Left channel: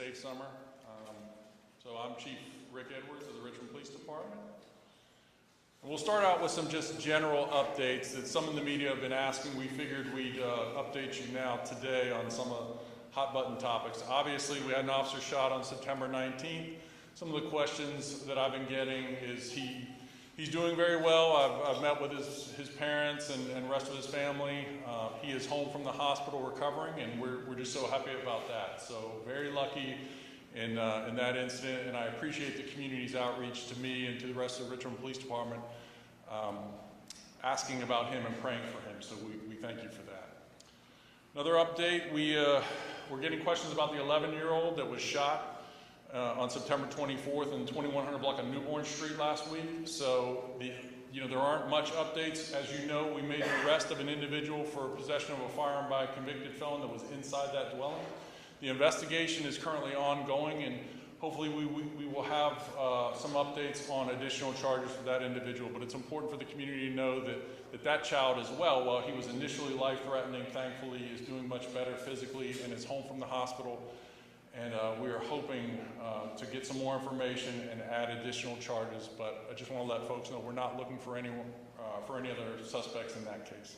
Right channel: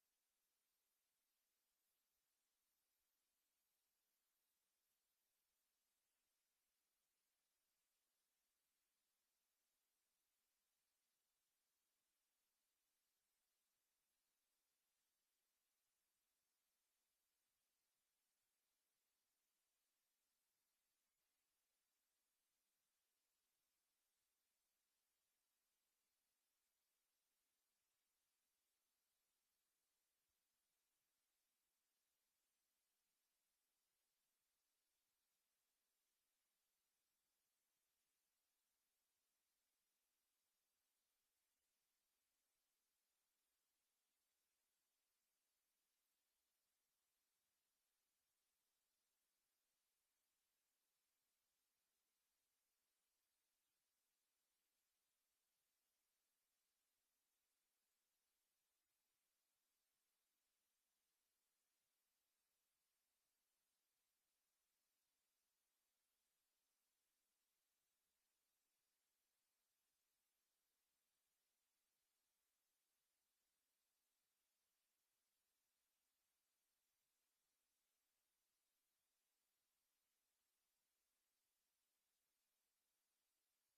safe summer. So I'm Chief Rick Edwards of the Richmond Police Department. And we'll start out with some just general updates that some in the media have been asking. We figured we'd update you now today on some of the hot button topics. Obviously, we had an officer shot on September 19th. Some of the questions that I've been getting is he's doing very well. I've met with his parents and rest of his family. He is home from the hospital recovering, and we're just so happy about that. So very lucky in that incident, and I appreciate the community's outreach to me and to the rest of the Richmond Police Department, asking about him and praying for him. So we thank you for that. Another update, we're getting questions about the 11-year-old that was shot on September 24th in 2100 block of Newborn Street last week. So there aren't much updates. As you know, we made the arrest of an individual for possession of a firearm by a convicted felon that was inside that dwelling. The investigation is currently ongoing, and hopefully we will have some updates on additional charges for that individual. But it's important for the community to know that child as well, while he was initially life-threatening, thankfully is doing much better physically and is home from the hospital. And we are hoping to get some more information and add additional charges. But I just want to let folks know we're not looking for any other suspects in that case.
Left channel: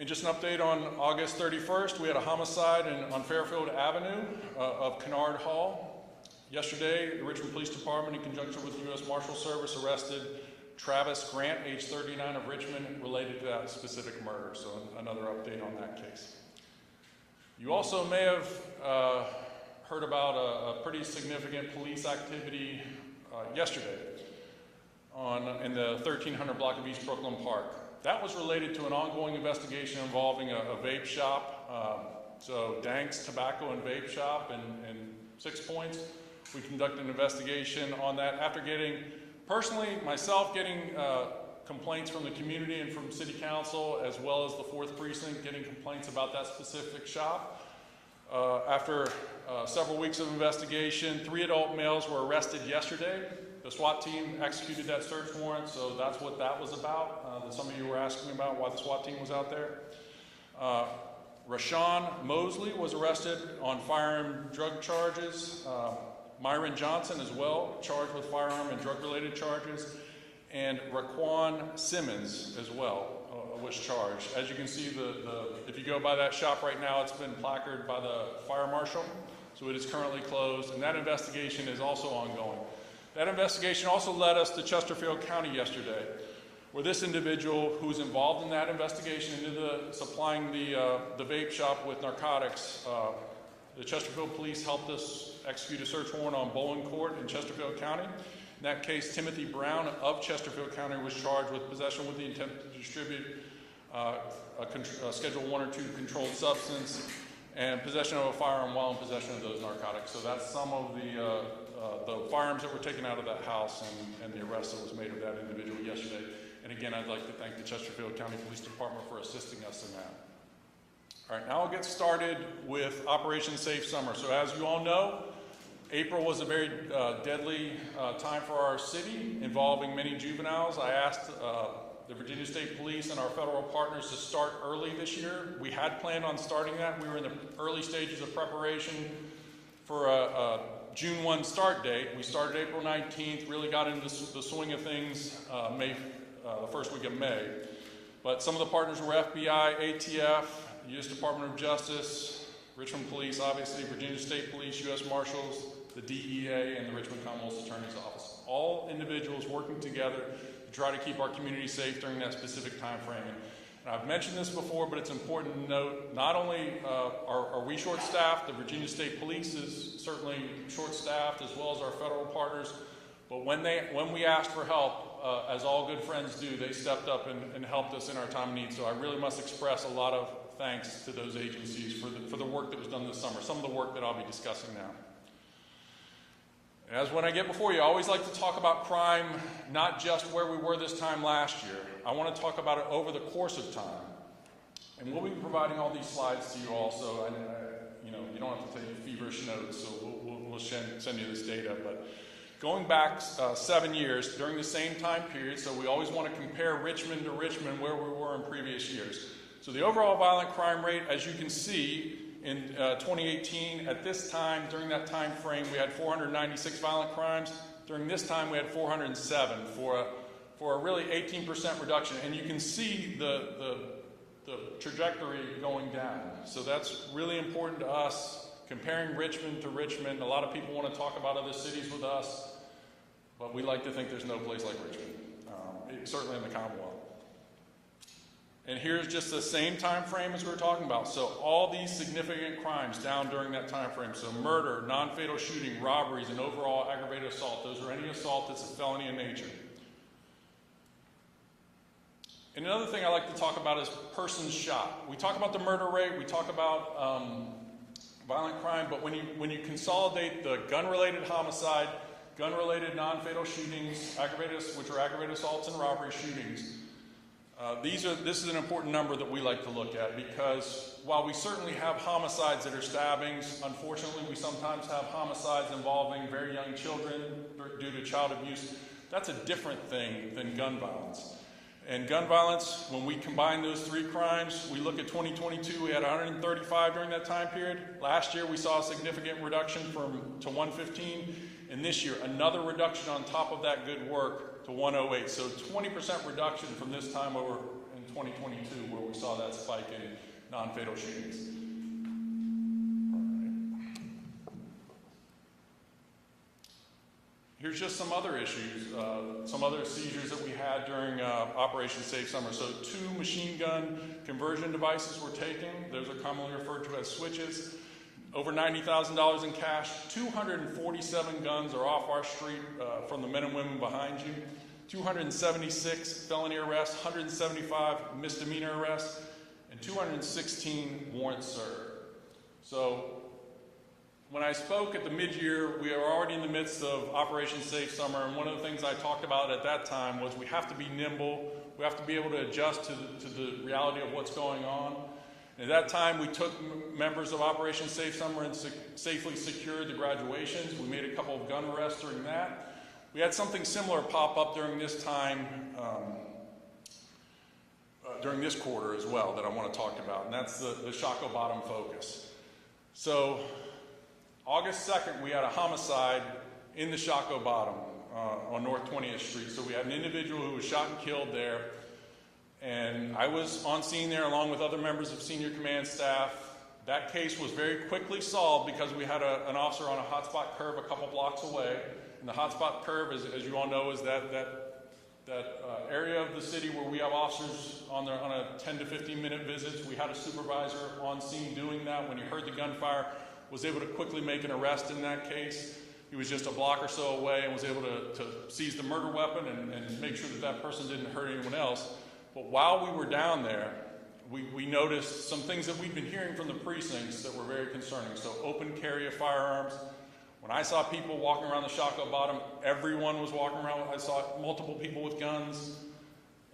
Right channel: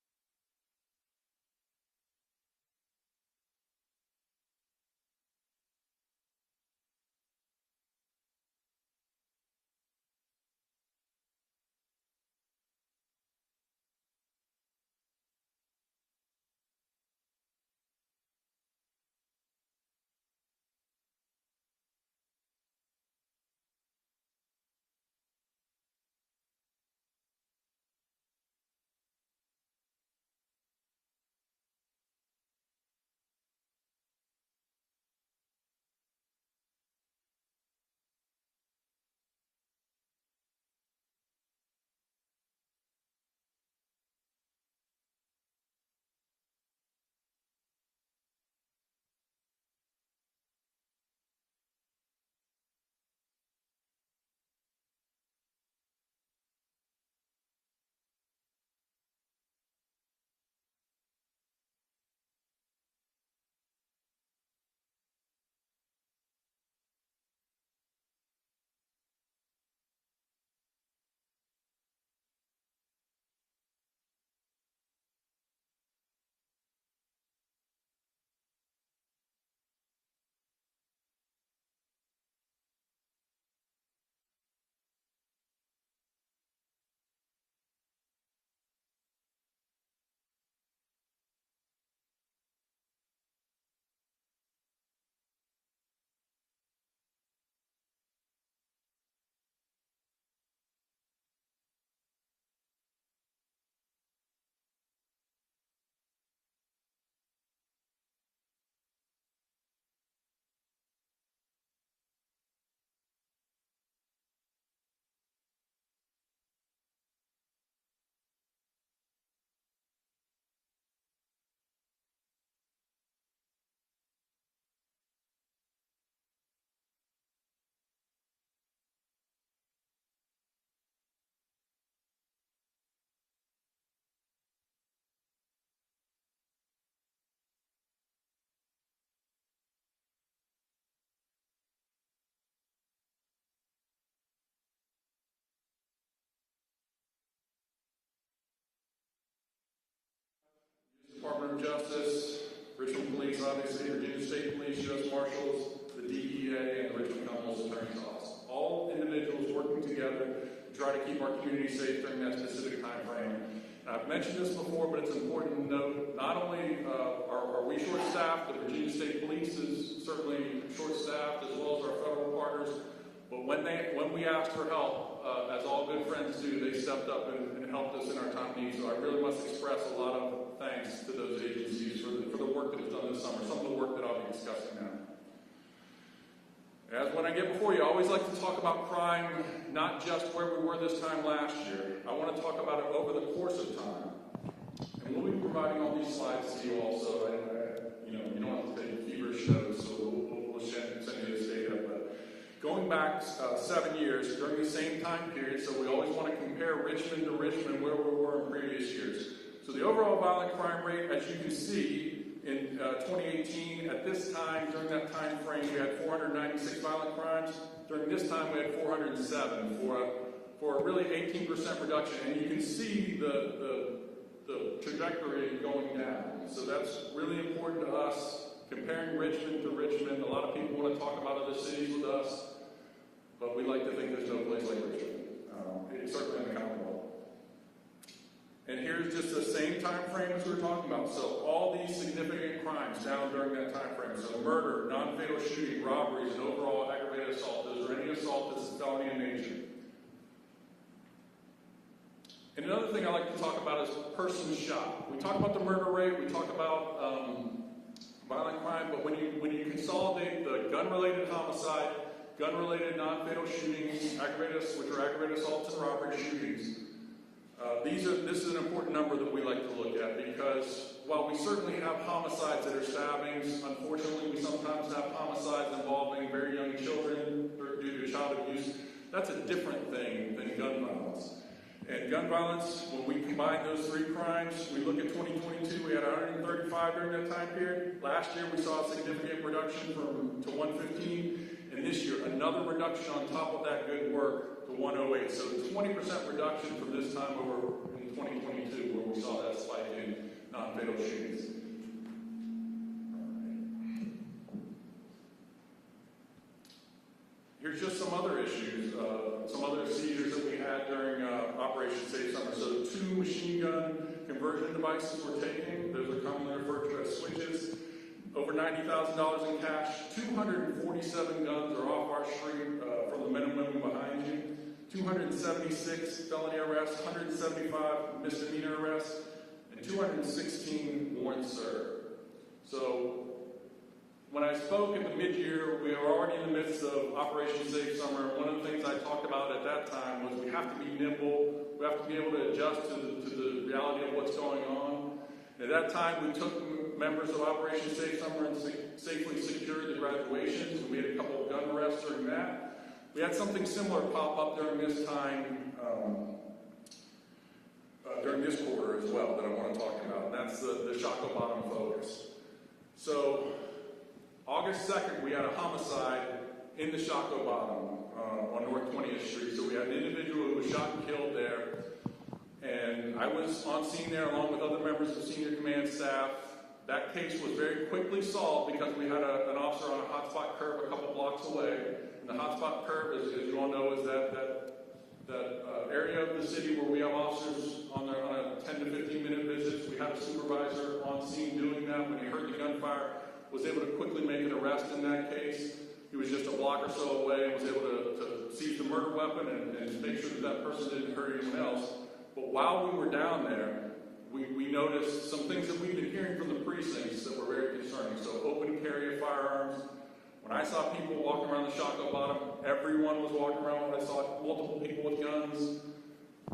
And just an update on August 31st, we had a homicide on Fairfield Avenue of Kennard Hall. Yesterday, the Richmond Police Department, in conjunction with the U.S. Marshal Service, arrested Travis Grant, age 39, of Richmond, related to that specific murder. So another update on that case. You also may have heard about a pretty significant police activity yesterday in the 1300 block of East Brooklyn Park. That was related to an ongoing investigation involving a vape shop. So Dank's Tobacco and Vape Shop in 6 Points. We conducted an investigation on that after getting complaints from the community and from City Council, as well as the 4th Precinct, getting complaints about that specific shop. After several weeks of investigation, 3 adult males were arrested yesterday. The SWAT team executed that search warrant, so that's what that was about. Some of you were asking about why the SWAT team was out there. Rashawn Mosley was arrested on firearm drug charges. Myron Johnson as well, charged with firearm and drug-related charges. And Raquan Simmons as well was charged. As you can see, if you go by that shop right now, it's been placarded by the fire marshal, so it is currently closed, and that investigation is also ongoing. That investigation also led us to Chesterfield County yesterday, where this individual who was involved in that investigation into supplying the vape shop with narcotics, the Chesterfield police helped us execute a search warrant on Bowling Court in Chesterfield County. In that case, Timothy Brown of Chesterfield County was charged with possession with the intent to distribute a Schedule 1 or 2 controlled substance and possession of a firearm while in possession of those narcotics. So that's some of the firearms that were taken out of that house and the arrest that was made of that individual yesterday. And again, I'd like to thank the Chesterfield County Police Department for assisting us in that. All right, now I'll get started with Operation Safe Summer. So as you all know, April was a very deadly time for our city, involving many juveniles. I asked the Virginia State Police and our federal partners to start early this year. We had planned on starting that. We were in the early stages of preparation for a June 1 start date. We started April 19th, really got into the swing of things the first week of May. But some of the partners were FBI, ATF, U.S. Department of Justice, Richmond Police, obviously, Virginia State Police, U.S. Marshals, the DEA, and the Richmond Commonwealth Attorney's Office. All individuals working together to try to keep our community safe during that specific time frame. And I've mentioned this before, but it's important to note, not only are we short-staffed, the Virginia State Police is certainly short-staffed, as well as our federal partners, but when we asked for help, as all good friends do, they stepped up and helped us in our time of need. So I really must express a lot of thanks to those agencies for the work that was done this summer, some of the work that I'll be discussing now. As when I get before you, I always like to talk about crime, not just where we were this time last year. I want to talk about it over the course of time. And we'll be providing all these slides to you also. You don't have to take feverish notes, so we'll send you this data. But going back 7 years, during the same time period, so we always want to compare Richmond to Richmond where we were in previous years. So the overall violent crime rate, as you can see, In 2018, at this time, during that time frame, we had 496 violent crimes. During this time, we had 407 for a really 18% reduction. And you can see the trajectory going down. So that's really important to us. Comparing Richmond to Richmond, a lot of people want to talk about other cities with us, but we like to think there's no place like Richmond, certainly in the Commonwealth. And here's just the same time frame as we were talking about. So all these significant crimes down during that time frame. So murder, non-fatal shooting, robberies, and overall aggravated assault. Those are any assault that's a felony in nature. And another thing I like to talk about is persons shot. We talk about the murder rate, we talk about violent crime, but when you consolidate the gun-related homicide, gun-related non-fatal shootings, which are aggravated assaults and robbery shootings, this is an important number that we like to look at, because while we certainly have homicides that are stabbings, unfortunately we sometimes have homicides involving very young children due to child abuse. That's a different thing than gun violence. And gun violence, when we combine those three crimes, we look at 2022, we had 135 during that time period. Last year, we saw a significant reduction to 115. And this year, another reduction on top of that good work to 108. So 20% reduction from this time over in 2022, where we saw that spike in non-fatal shootings. Here's just some other issues, some other seizures that we had during Operation Safe Summer. So 2 machine gun conversion devices were taken. Those are commonly referred to as switches. Over $90,000 in cash. 247 guns are off our street from the men and women behind you. 276 felony arrests, 175 misdemeanor arrests, and 216 warrants served. So when I spoke at the mid-year, we were already in the midst of Operation Safe Summer, and one of the things I talked about at that time was we have to be nimble, we have to be able to adjust to the reality of what's going on. And at that time, we took members of Operation Safe Summer and safely secured the graduations. We made a couple of gun arrests during that. We had something similar pop up during this time, during this quarter as well, that I want to talk about, and that's the Shockoe Bottom focus. So August 2nd, we had a homicide in the Shockoe Bottom on North 20th Street. So we had an individual who was shot and killed there. And I was on scene there along with other members of senior command staff. That case was very quickly solved because we had an officer on a hotspot curve a couple blocks away. And the hotspot curve, as you all know, is that area of the city where we have officers on a 10 to 15 minute visits. We had a supervisor on scene doing that. When he heard the gunfire, was able to quickly make an arrest in that case. He was just a block or so away and was able to seize the murder weapon and make sure that person didn't hurt anyone else. But while we were down there, we noticed some things that we'd been hearing from the precincts that were very concerning. So open carry of firearms. When I saw people walking around the Shockoe Bottom, everyone was walking around. I saw multiple people with guns,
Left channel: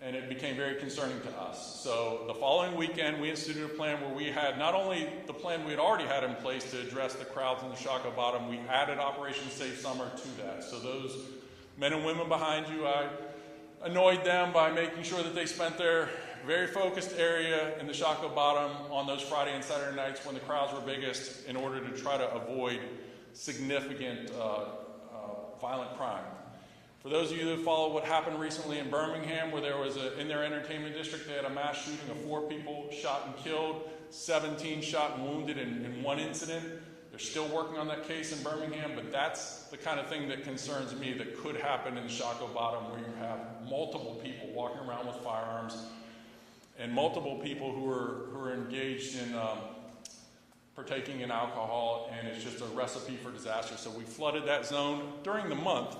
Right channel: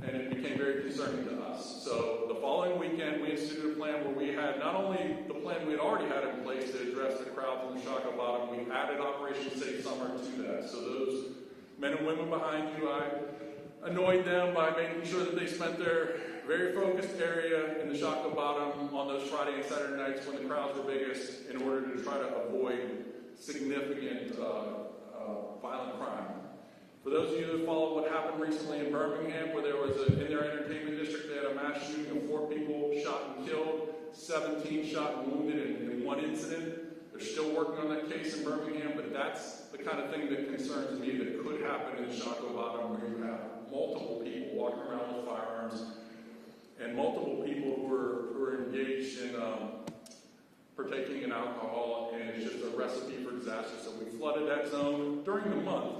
and it became very concerning to us. So the following weekend, we instituted a plan where we had not only the plan we had already had in place to address the crowds in the Shockoe Bottom, we added Operation Safe Summer to that. So those men and women behind you, I annoyed them by making sure that they spent their very focused area in the Shockoe Bottom on those Friday and Saturday nights when the crowds were biggest in order to try to avoid significant violent crime. For those of you that follow what happened recently in Birmingham, where there was in their entertainment district, they had a mass shooting of 4 people shot and killed, 17 shot and wounded in one incident. They're still working on that case in Birmingham, but that's the kind of thing that concerns me that could happen in the Shockoe Bottom, where you have multiple people walking around with firearms and multiple people who are engaged in partaking in alcohol, and it's just a recipe for disaster. So we flooded that zone. During the month,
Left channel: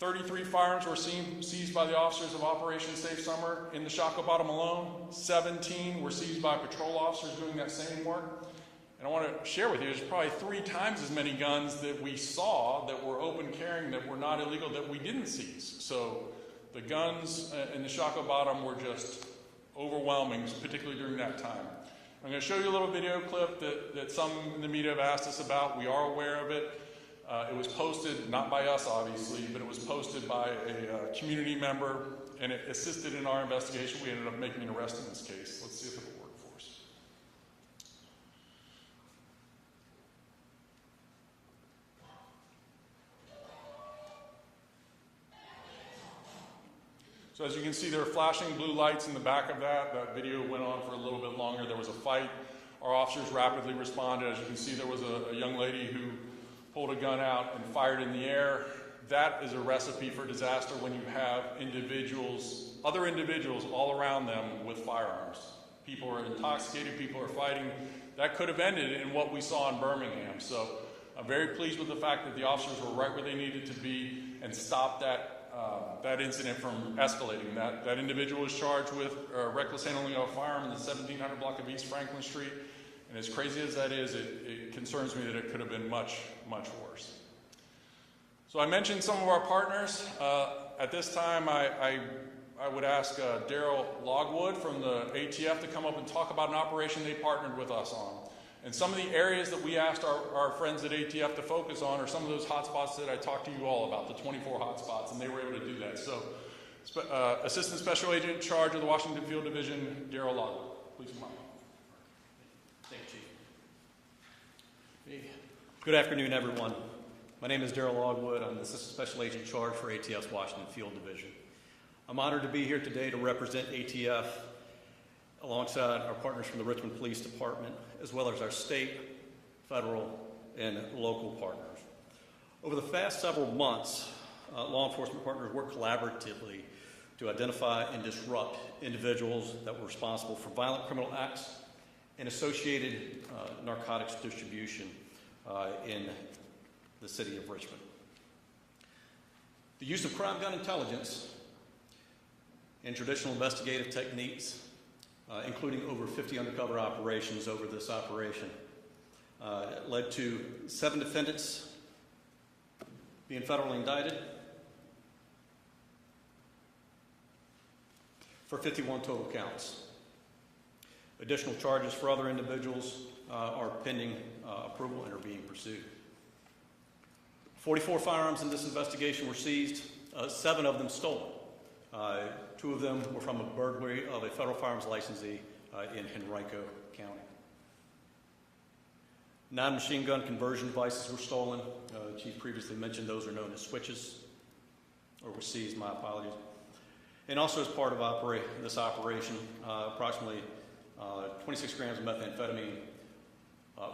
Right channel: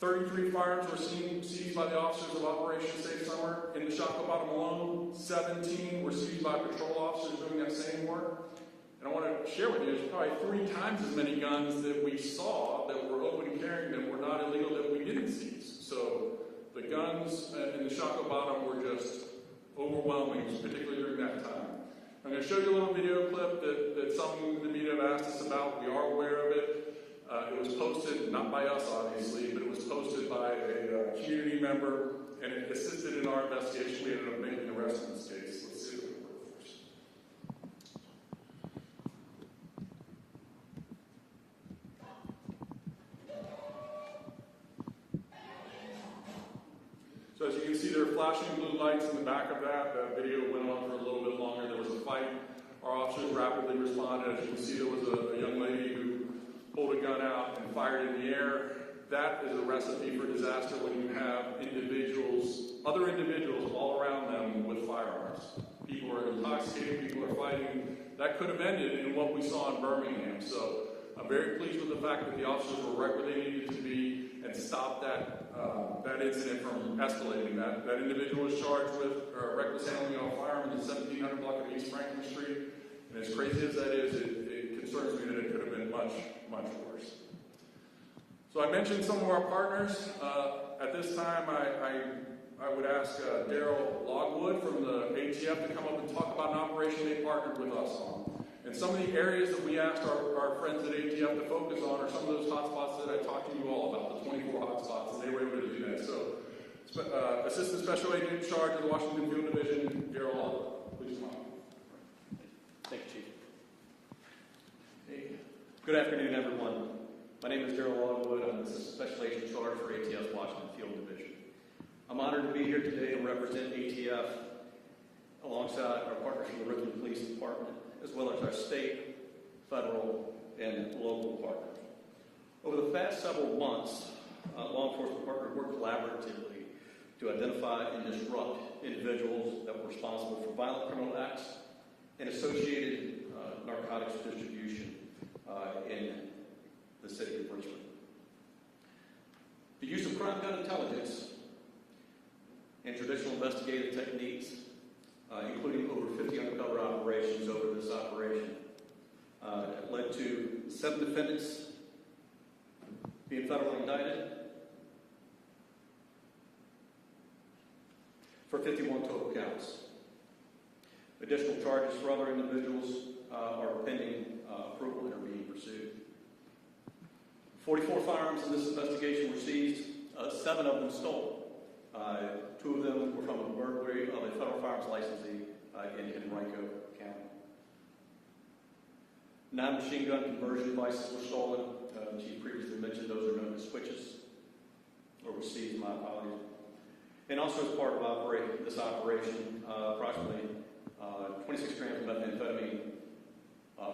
33 firearms were seized by the officers of Operation Safe Summer in the Shockoe Bottom alone. 17 were seized by patrol officers doing that same work. And I want to share with you, there's probably 3 times as many guns that we saw that were open carrying that were not illegal that we didn't seize. So the guns in the Shockoe Bottom were just overwhelming, particularly during that time. I'm going to show you a little video clip that some in the media have asked us about. We are aware of it. It was posted, not by us obviously, but it was posted by a community member, and it assisted in our investigation. We ended up making an arrest in this case. Let's see if it will work for us. as you can see, there are flashing blue lights in the back of that. That video went on for a little bit longer. There was a fight. Our officers rapidly responded. As you can see, there was a young lady who pulled a gun out and fired in the air. That is a recipe for disaster when you have other individuals all around them with firearms. People are intoxicated, people are fighting. That could have ended in what we saw in Birmingham. So I'm very pleased with the fact that the officers were right where they needed to be and stopped that incident from escalating. That individual was charged with reckless handling of a firearm in the 1700 block of East Franklin Street. And as crazy as that is, it concerns me that it could have been much, much worse. So I mentioned some of our partners. At this time, I would ask Daryl Logwood from the ATF to come up and talk about an operation they partnered with us on. And some of the areas that we asked our friends at ATF to focus on are some of those hotspots that I talked to you all about, the 24 hotspots, and they were able to do that. So, Assistant Special Agent in charge of the Washington Field Division, Daryl Logwood. Please come on. Thank you, Chief. Good afternoon, everyone. My name is Daryl Logwood. I'm the Assistant Special Agent in charge for ATF's Washington Field Division. I'm honored to be here today to represent ATF alongside our partners from the Richmond Police Department, as well as our state, federal, and local partners. Over the past several months, law enforcement partners worked collaboratively to identify and disrupt individuals that were responsible for violent criminal acts and associated narcotics distribution in the city of Richmond. The use of crime gun intelligence and traditional investigative techniques, including over 50 undercover operations over this operation, led to 7 defendants being federally indicted for 51 total counts. Additional charges for other individuals are pending approval and are being pursued. 44 firearms in this investigation were seized, 7 of them stolen. 2 of them were from a burglary of a federal firearms licensee in Henrico County. 9 machine gun conversion devices were stolen. Chief previously mentioned those are known as switches, or were seized, my apologies. And also as part of this operation, approximately 26 grams of methamphetamine,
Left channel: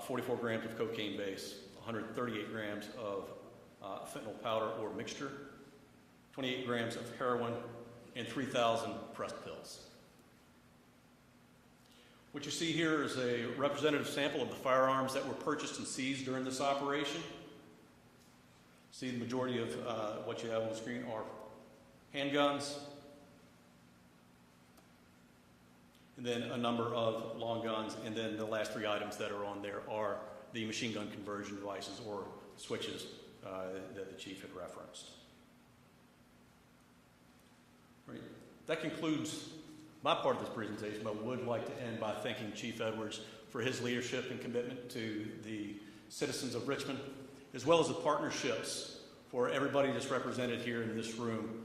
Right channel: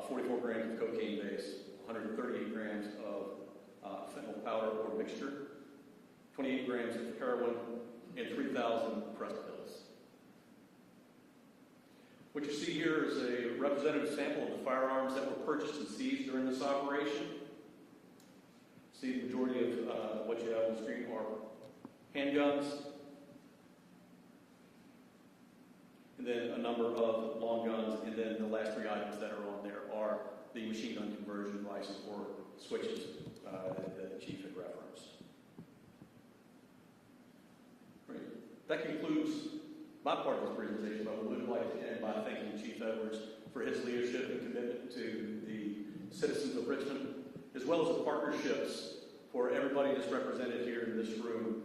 44 grams of cocaine base, 138 grams of fentanyl powder or mixture, 28 grams of heroin, and 3,000 pressed pills. What you see here is a representative sample of the firearms that were purchased and seized during this operation. See, the majority of what you have on the screen are handguns, and then a number of long guns, and then the last 3 items that are on there are the machine gun conversion devices or switches that the Chief had referenced. Right. That concludes my part of this presentation, but I would like to end by thanking Chief Edwards for his leadership and commitment to the citizens of Richmond, as well as the partnerships for everybody that's represented here in this room,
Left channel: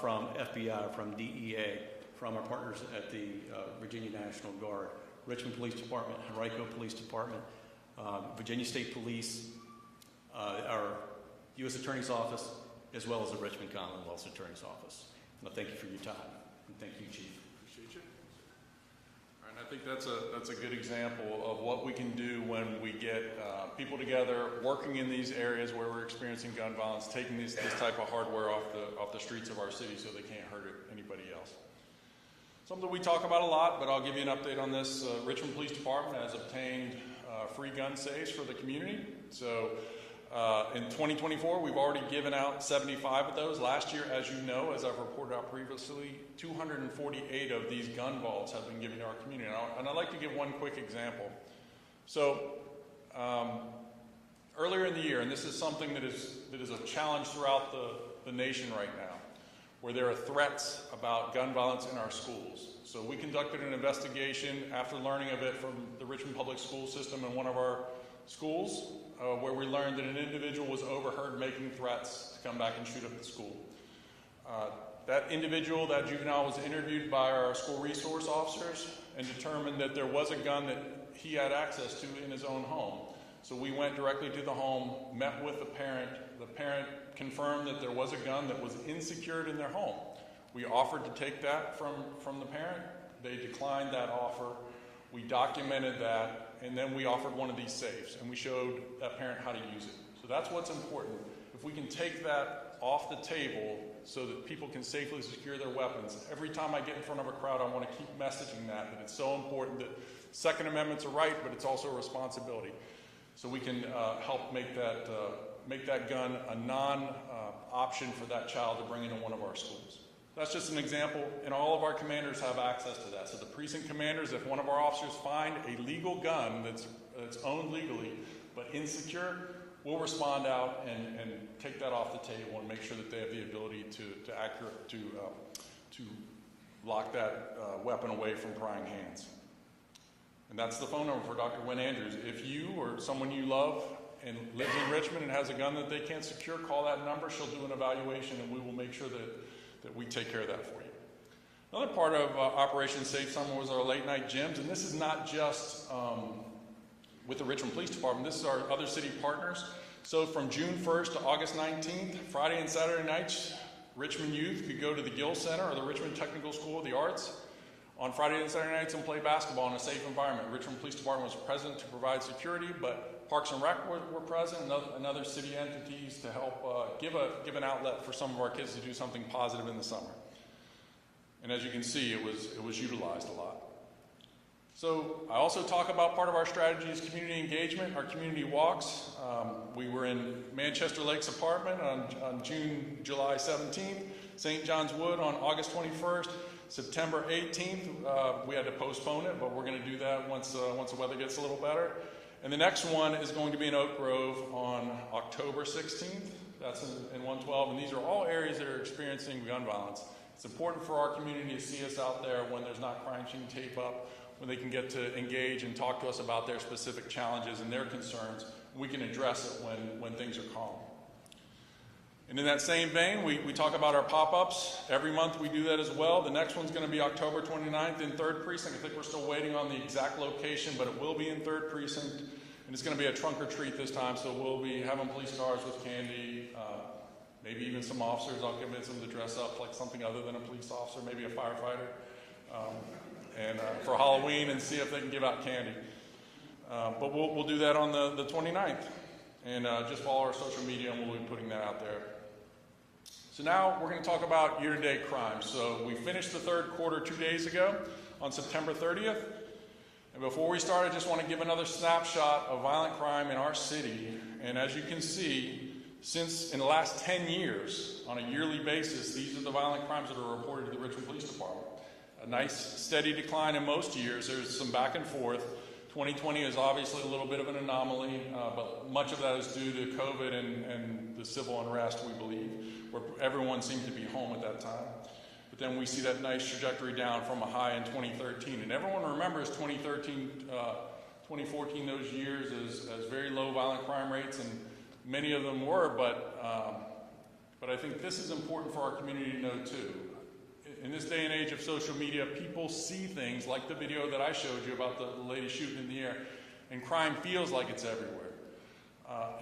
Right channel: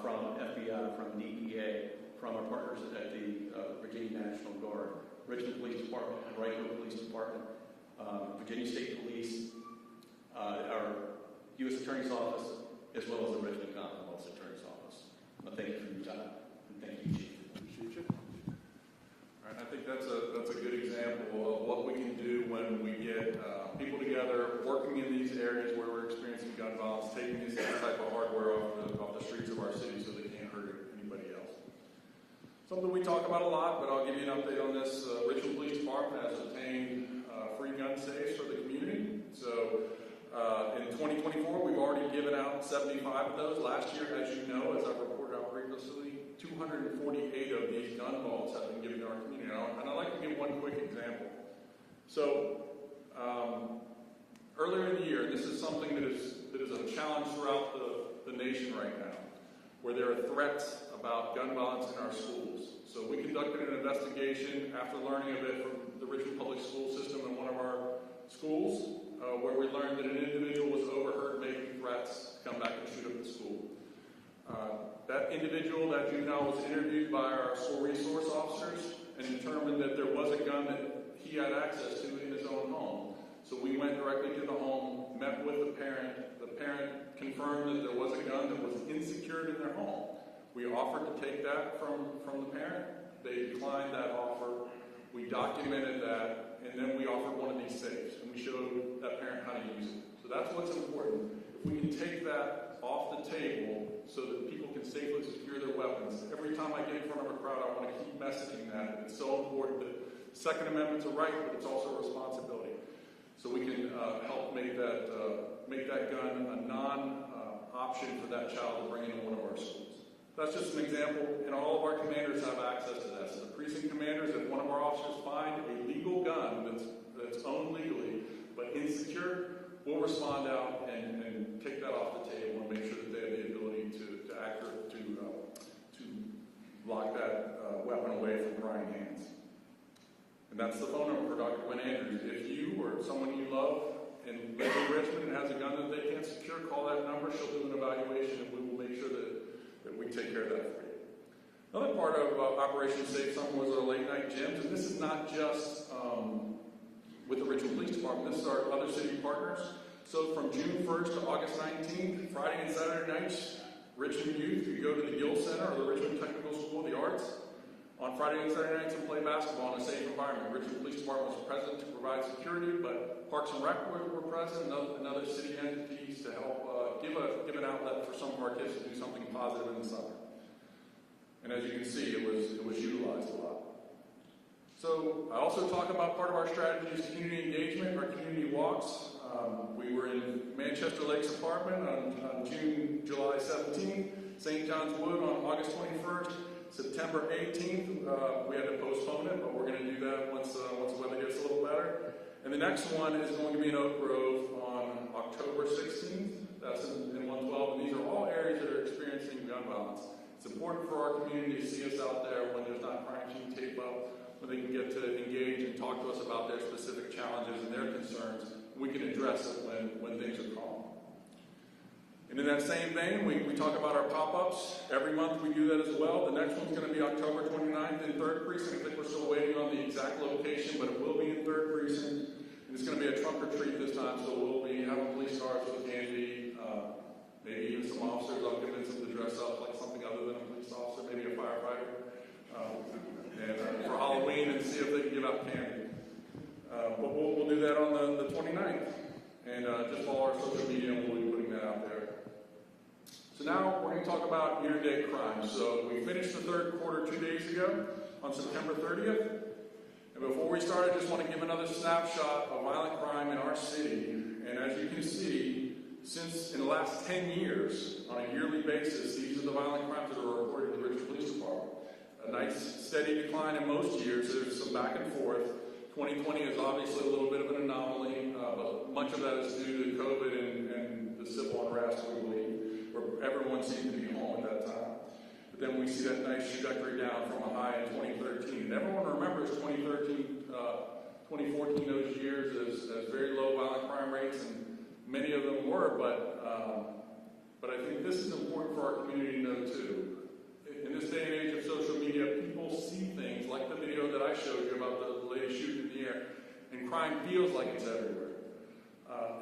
from FBI, from DEA, from our partners at the Virginia National Guard, Richmond Police Department, Henrico Police Department, Virginia State Police, our U.S. Attorney's Office, as well as the Richmond Commonwealth's Attorney's Office. I thank you for your time, and thank you, Chief. Appreciate you. All right, I think that's a good example of what we can do when we get people together, working in these areas where we're experiencing gun violence, taking this type of hardware off the streets of our city so they can't hurt anybody else. Something we talk about a lot, but I'll give you an update on this. Richmond Police Department has obtained free gun safes for the community. So in 2024, we've already given out 75 of those. Last year, as you know, as I've reported out previously, 248 of these gun vaults have been given to our community. And I'd like to give one quick example. So earlier in the year, and this is something that is a challenge throughout the nation right now, where there are threats about gun violence in our schools. So we conducted an investigation after learning of it from the Richmond Public School System in one of our schools, where we learned that an individual was overheard making threats to come back and shoot up the school. That individual, that juvenile, was interviewed by our school resource officers and determined that there was a gun that he had access to in his own home. So we went directly to the home, met with the parent. The parent confirmed that there was a gun that was unsecured in their home. We offered to take that from the parent. They declined that offer. We documented that, and then we offered one of these safes, and we showed that parent how to use it. So that's what's important. If we can take that off the table so that people can safely secure their weapons, every time I get in front of a crowd, I want to keep messaging that it's so important that Second Amendment's a right, but it's also a responsibility. So we can help make that gun a non-option for that child to bring into one of our schools. That's just an example, and all of our commanders have access to that. So the precinct commanders, if one of our officers find a legal gun that's owned legally but insecure, we'll respond out and take that off the table and make sure that they have the ability to lock that weapon away from prying hands. And that's the phone number for Dr. Gwen Andrews. If you or someone you love and lives in Richmond and has a gun that they can't secure, call that number. She'll do an evaluation, and we will make sure that we take care of that for you. Another part of Operation Safe Summer was our late night gyms, and this is not just with the Richmond Police Department. This is our other city partners. So from June 1st to August 19th, Friday and Saturday nights, Richmond youth could go to the Gill Center or the Richmond Technical School of the Arts on Friday and Saturday nights and play basketball in a safe environment. Richmond Police Department was present to provide security, but Parks and Rec were present and other city entities to help give an outlet for some of our kids to do something positive in the summer. And as you can see, it was utilized a lot. So I also talk about part of our strategy is community engagement, our community walks. We were in Manchester Lakes Apartment on July 17th, St. John's Wood on August 21st, September 18th. We had to postpone it, but we're going to do that once the weather gets a little better. And the next one is going to be in Oak Grove on October 16th. That's in 112, and these are all areas that are experiencing gun violence. It's important for our community to see us out there when there's not crime scene tape up, when they can get to engage and talk to us about their specific challenges and their concerns. We can address it when things are calm. And in that same vein, we talk about our pop-ups. Every month we do that as well. The next one's going to be October 29th in 3rd Precinct. I think we're still waiting on the exact location, but it will be in 3rd Precinct. And it's going to be a trunk or treat this time, so we'll be having police cars with candy, maybe even some officers. I'll convince them to dress up like something other than a police officer, maybe a firefighter, and for Halloween, and see if they can give out candy. But we'll do that on the 29th. And just follow our social media, and we'll be putting that out there. So now we're going to talk about year-to-date crime. So we finished the 3rd quarter 2 days ago on September 30th. And before we start, I just want to give another snapshot of violent crime in our city. And as you can see, since in the last 10 years, on a yearly basis, these are the violent crimes that are reported to the Richmond Police Department. A nice steady decline in most years. There's some back and forth. 2020 is obviously a little bit of an anomaly, but much of that is due to COVID and the civil unrest, we believe, where everyone seemed to be home at that time. But then we see that nice trajectory down from a high in 2013. And everyone remembers 2013, 2014, those years as very low violent crime rates, and many of them were, but I think this is important for our community to know too. In this day and age of social media, people see things like the video that I showed you about the lady shooting in the air, and crime feels like it's everywhere.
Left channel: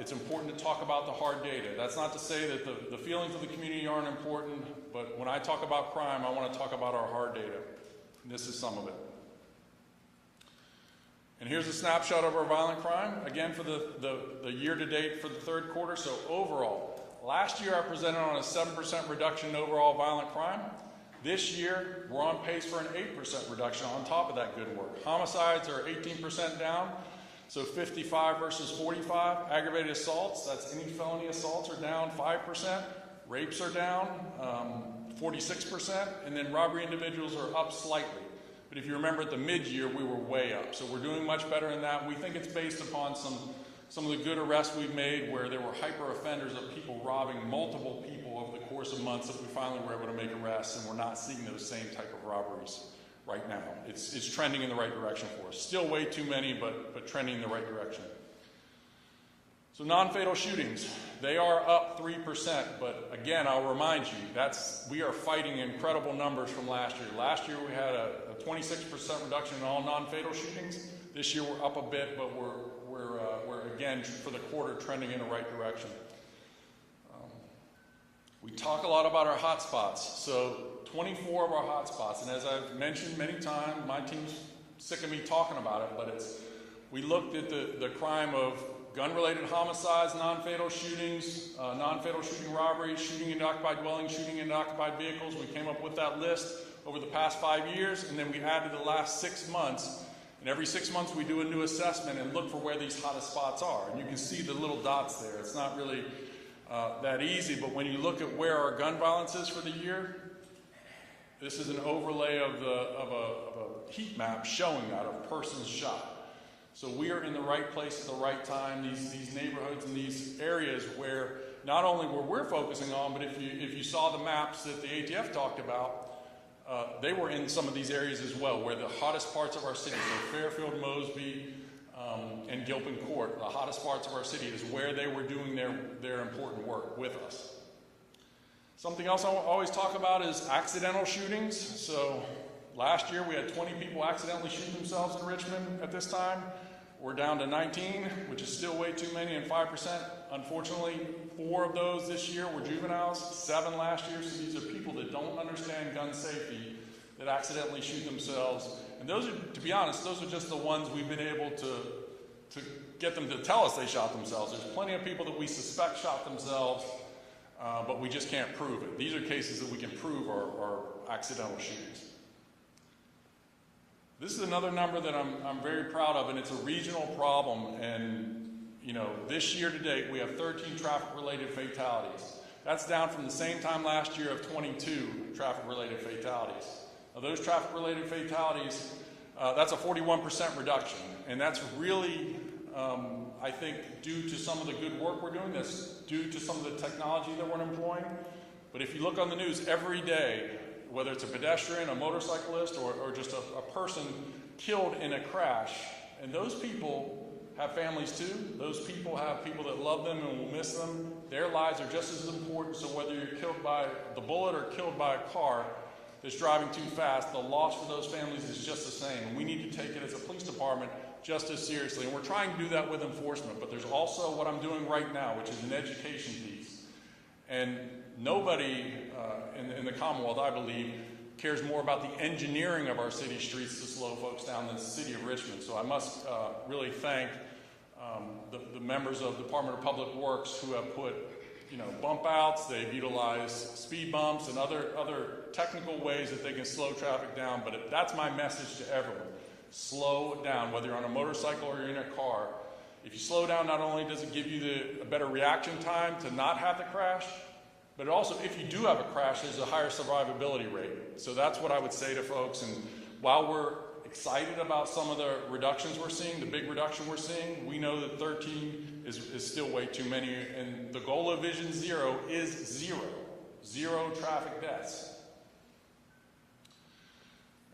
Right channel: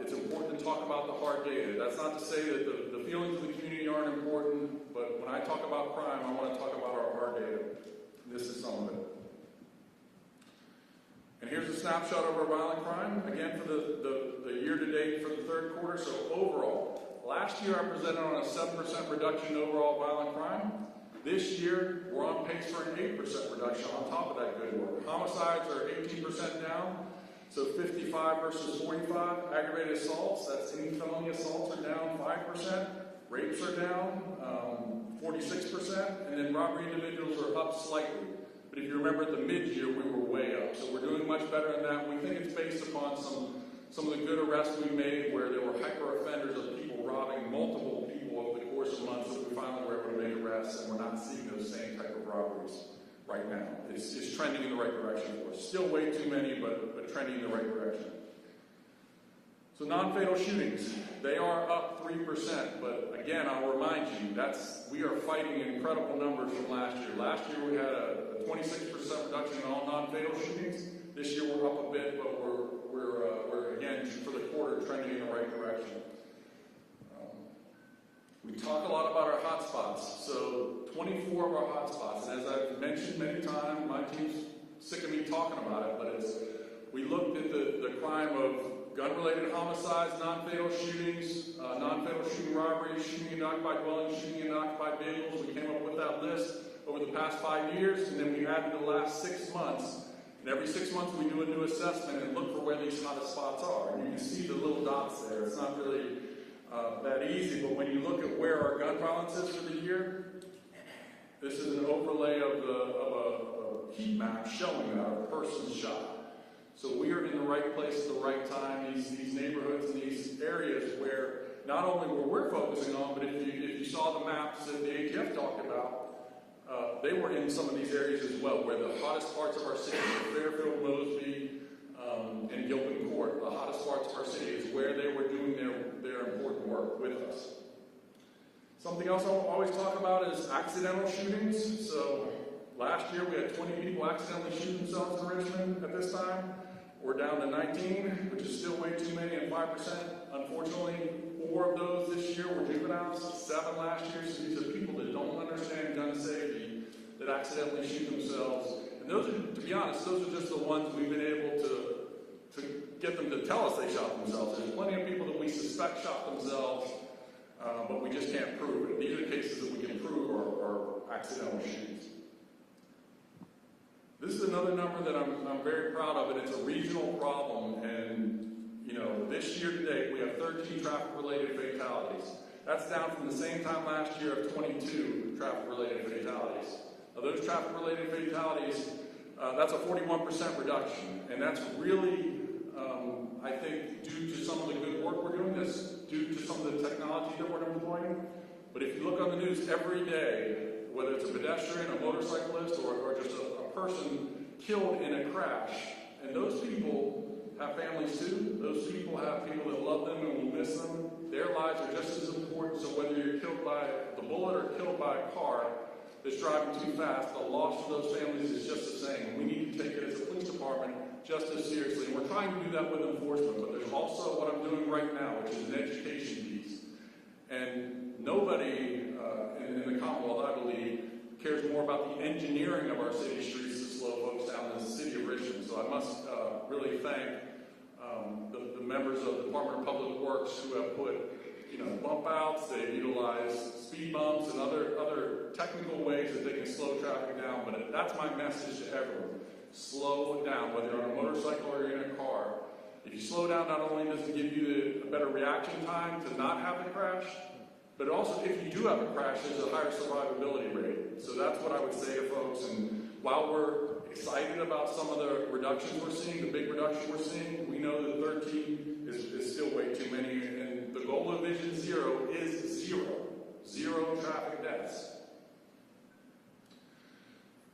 It's important to talk about the hard data. That's not to say that the feelings of the community aren't important, but when I talk about crime, I want to talk about our hard data. And this is some of it. And here's a snapshot of our violent crime, again for the year-to-date for the 3rd quarter. So overall, last year I presented on a 7% reduction in overall violent crime. This year, we're on pace for an 8% reduction on top of that good work. Homicides are 18% down, so 55 versus 45. Aggravated assaults, that's any felony assaults, are down 5%. Rapes are down 46%, and then robbery individuals are up slightly. But if you remember at the mid-year, we were way up. So we're doing much better than that. We think it's based upon some of the good arrests we've made where there were hyper-offenders of people robbing multiple people over the course of months that we finally were able to make arrests, and we're not seeing those same type of robberies right now. It's trending in the right direction for us. Still way too many, but trending in the right direction. So non-fatal shootings, they are up 3%, but again, I'll remind you, we are fighting incredible numbers from last year. Last year we had a 26% reduction in all non-fatal shootings. This year we're up a bit, but we're again, for the quarter, trending in the right direction. We talk a lot about our hot spots. So 24 of our hot spots, and as I've mentioned many times, my team's sick of me talking about it, but we looked at the crime of gun-related homicides, non-fatal shootings, non-fatal shooting robberies, shooting in occupied dwellings, shooting in occupied vehicles. We came up with that list over the past 5 years, and then we added the last 6 months. And every 6 months we do a new assessment and look for where these hottest spots are. And you can see the little dots there. It's not really that easy, but when you look at where our gun violence is for the year, this is an overlay of a heat map showing that, of persons shot. So we are in the right place at the right time. These neighborhoods and these areas where not only where we're focusing on, but if you saw the maps that the ATF talked about, they were in some of these areas as well, where the hottest parts of our city, Fairfield, Mosby, and Gilpin Court, the hottest parts of our city is where they were doing their important work with us. Something else I always talk about is accidental shootings. So last year we had 20 people accidentally shoot themselves in Richmond at this time. We're down to 19, which is still way too many, and 5%. Unfortunately, 4 of those this year were juveniles, 7 last year. So these are people that don't understand gun safety that accidentally shoot themselves. And those are, to be honest, those are just the ones we've been able to get them to tell us they shot themselves. There's plenty of people that we suspect shot themselves, but we just can't prove it. These are cases that we can prove are accidental shootings. This is another number that I'm very proud of, and it's a regional problem. And this year to date, we have 13 traffic-related fatalities. That's down from the same time last year of 22 traffic-related fatalities. Now, those traffic-related fatalities, that's a 41% reduction, and that's really, I think, due to some of the good work we're doing. That's due to some of the technology that we're employing. But if you look on the news every day, whether it's a pedestrian, a motorcyclist, or just a person killed in a crash, and those people have families too. Those people have people that love them and will miss them. Their lives are just as important, so whether you're killed by the bullet or killed by a car that's driving too fast, the loss for those families is just the same. And we need to take it as a police department just as seriously. And we're trying to do that with enforcement, but there's also what I'm doing right now, which is an education piece. And nobody in the Commonwealth, I believe, cares more about the engineering of our city streets to slow folks down than the city of Richmond. So I must really thank the members of the Department of Public Works who have put bump outs. They've utilized speed bumps and other technical ways that they can slow traffic down. But that's my message to everyone. Slow down, whether you're on a motorcycle or you're in a car. If you slow down, not only does it give you a better reaction time to not have the crash, but also if you do have a crash, there's a higher survivability rate. So that's what I would say to folks. And while we're excited about some of the reductions we're seeing, the big reduction we're seeing, we know that 13 is still way too many. And the goal of Vision Zero is zero traffic deaths.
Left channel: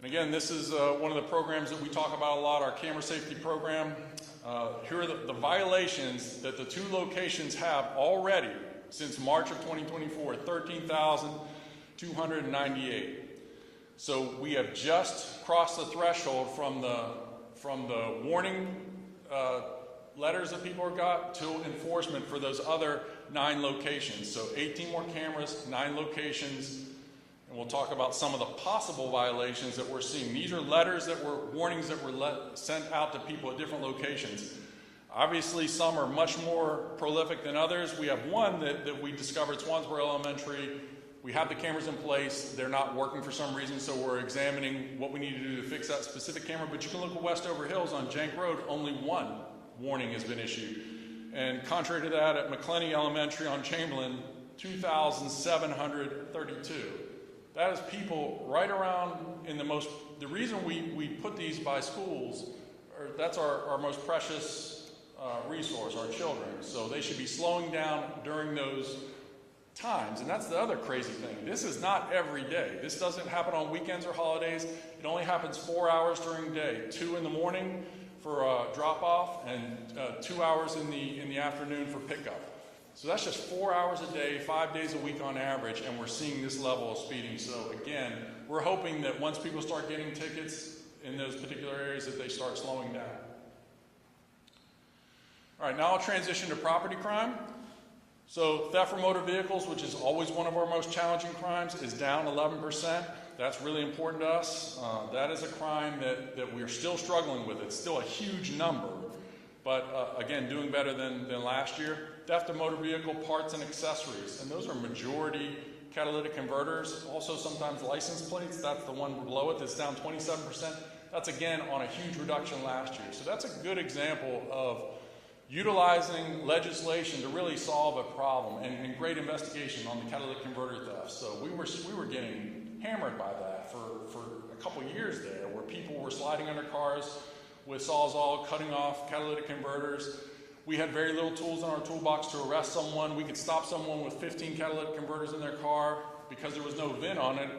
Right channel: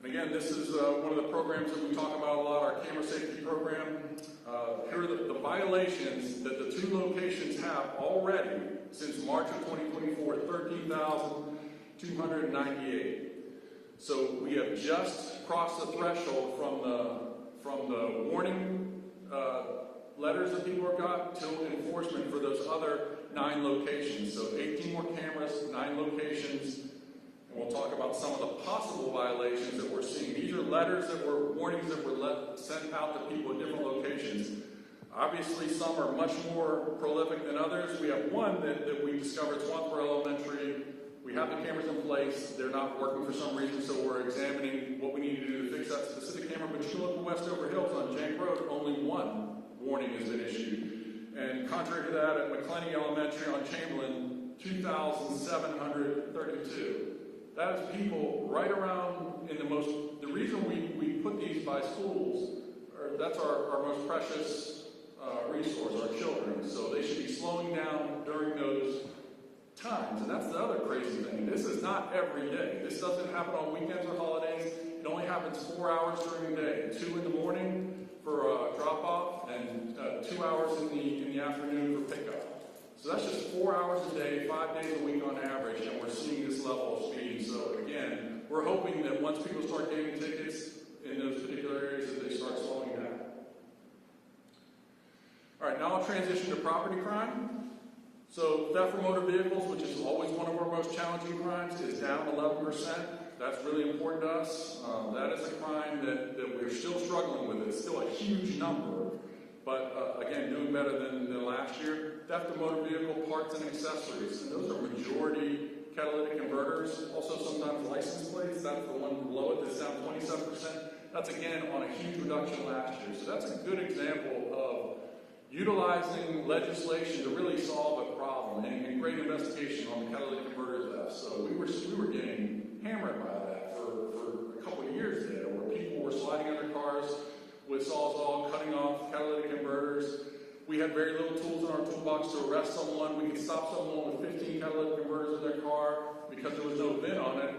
And again, this is one of the programs that we talk about a lot, our camera safety program. Here are the violations that the 2 locations have already since March of 2024, 13,298. So we have just crossed the threshold from the warning letters that people have got to enforcement for those other 9 locations. So 18 more cameras, 9 locations. And we'll talk about some of the possible violations that we're seeing. These are letters that were warnings that were sent out to people at different locations. Obviously, some are much more prolific than others. We have one that we discovered, Swansboro Elementary. We have the cameras in place. They're not working for some reason, so we're examining what we need to do to fix that specific camera. But you can look at Westover Hills on Jank Road, only 1 warning has been issued. And contrary to that, at McClenny Elementary on Chamberlain, 2,732. That is people right around in the reason we put these by schools, that's our most precious resource, our children. So they should be slowing down during those times. And that's the other crazy thing. This is not every day. This doesn't happen on weekends or holidays. It only happens 4 hours during the day. 2 in the morning for drop-off and 2 hours in the afternoon for pickup. So that's just 4 hours a day, 5 days a week on average, and we're seeing this level of speeding. So again, we're hoping that once people start getting tickets in those particular areas that they start slowing down. All right, now I'll transition to property crime. So theft from motor vehicles, which is always one of our most challenging crimes, is down 11%. That's really important to us. That is a crime that we're still struggling with. It's still a huge number, but again, doing better than last year. Theft of motor vehicle parts and accessories, and those are majority catalytic converters. Also sometimes license plates. That's the one below it that's down 27%. That's again on a huge reduction last year. So that's a good example of utilizing legislation to really solve a problem and great investigation on the catalytic converter theft. So we were getting hammered by that for a couple of years there, where people were sliding under cars with Sawzall, cutting off catalytic converters. We had very little tools in our toolbox to arrest someone. We could stop someone with 15 catalytic converters in their car. Because there was no VIN on it,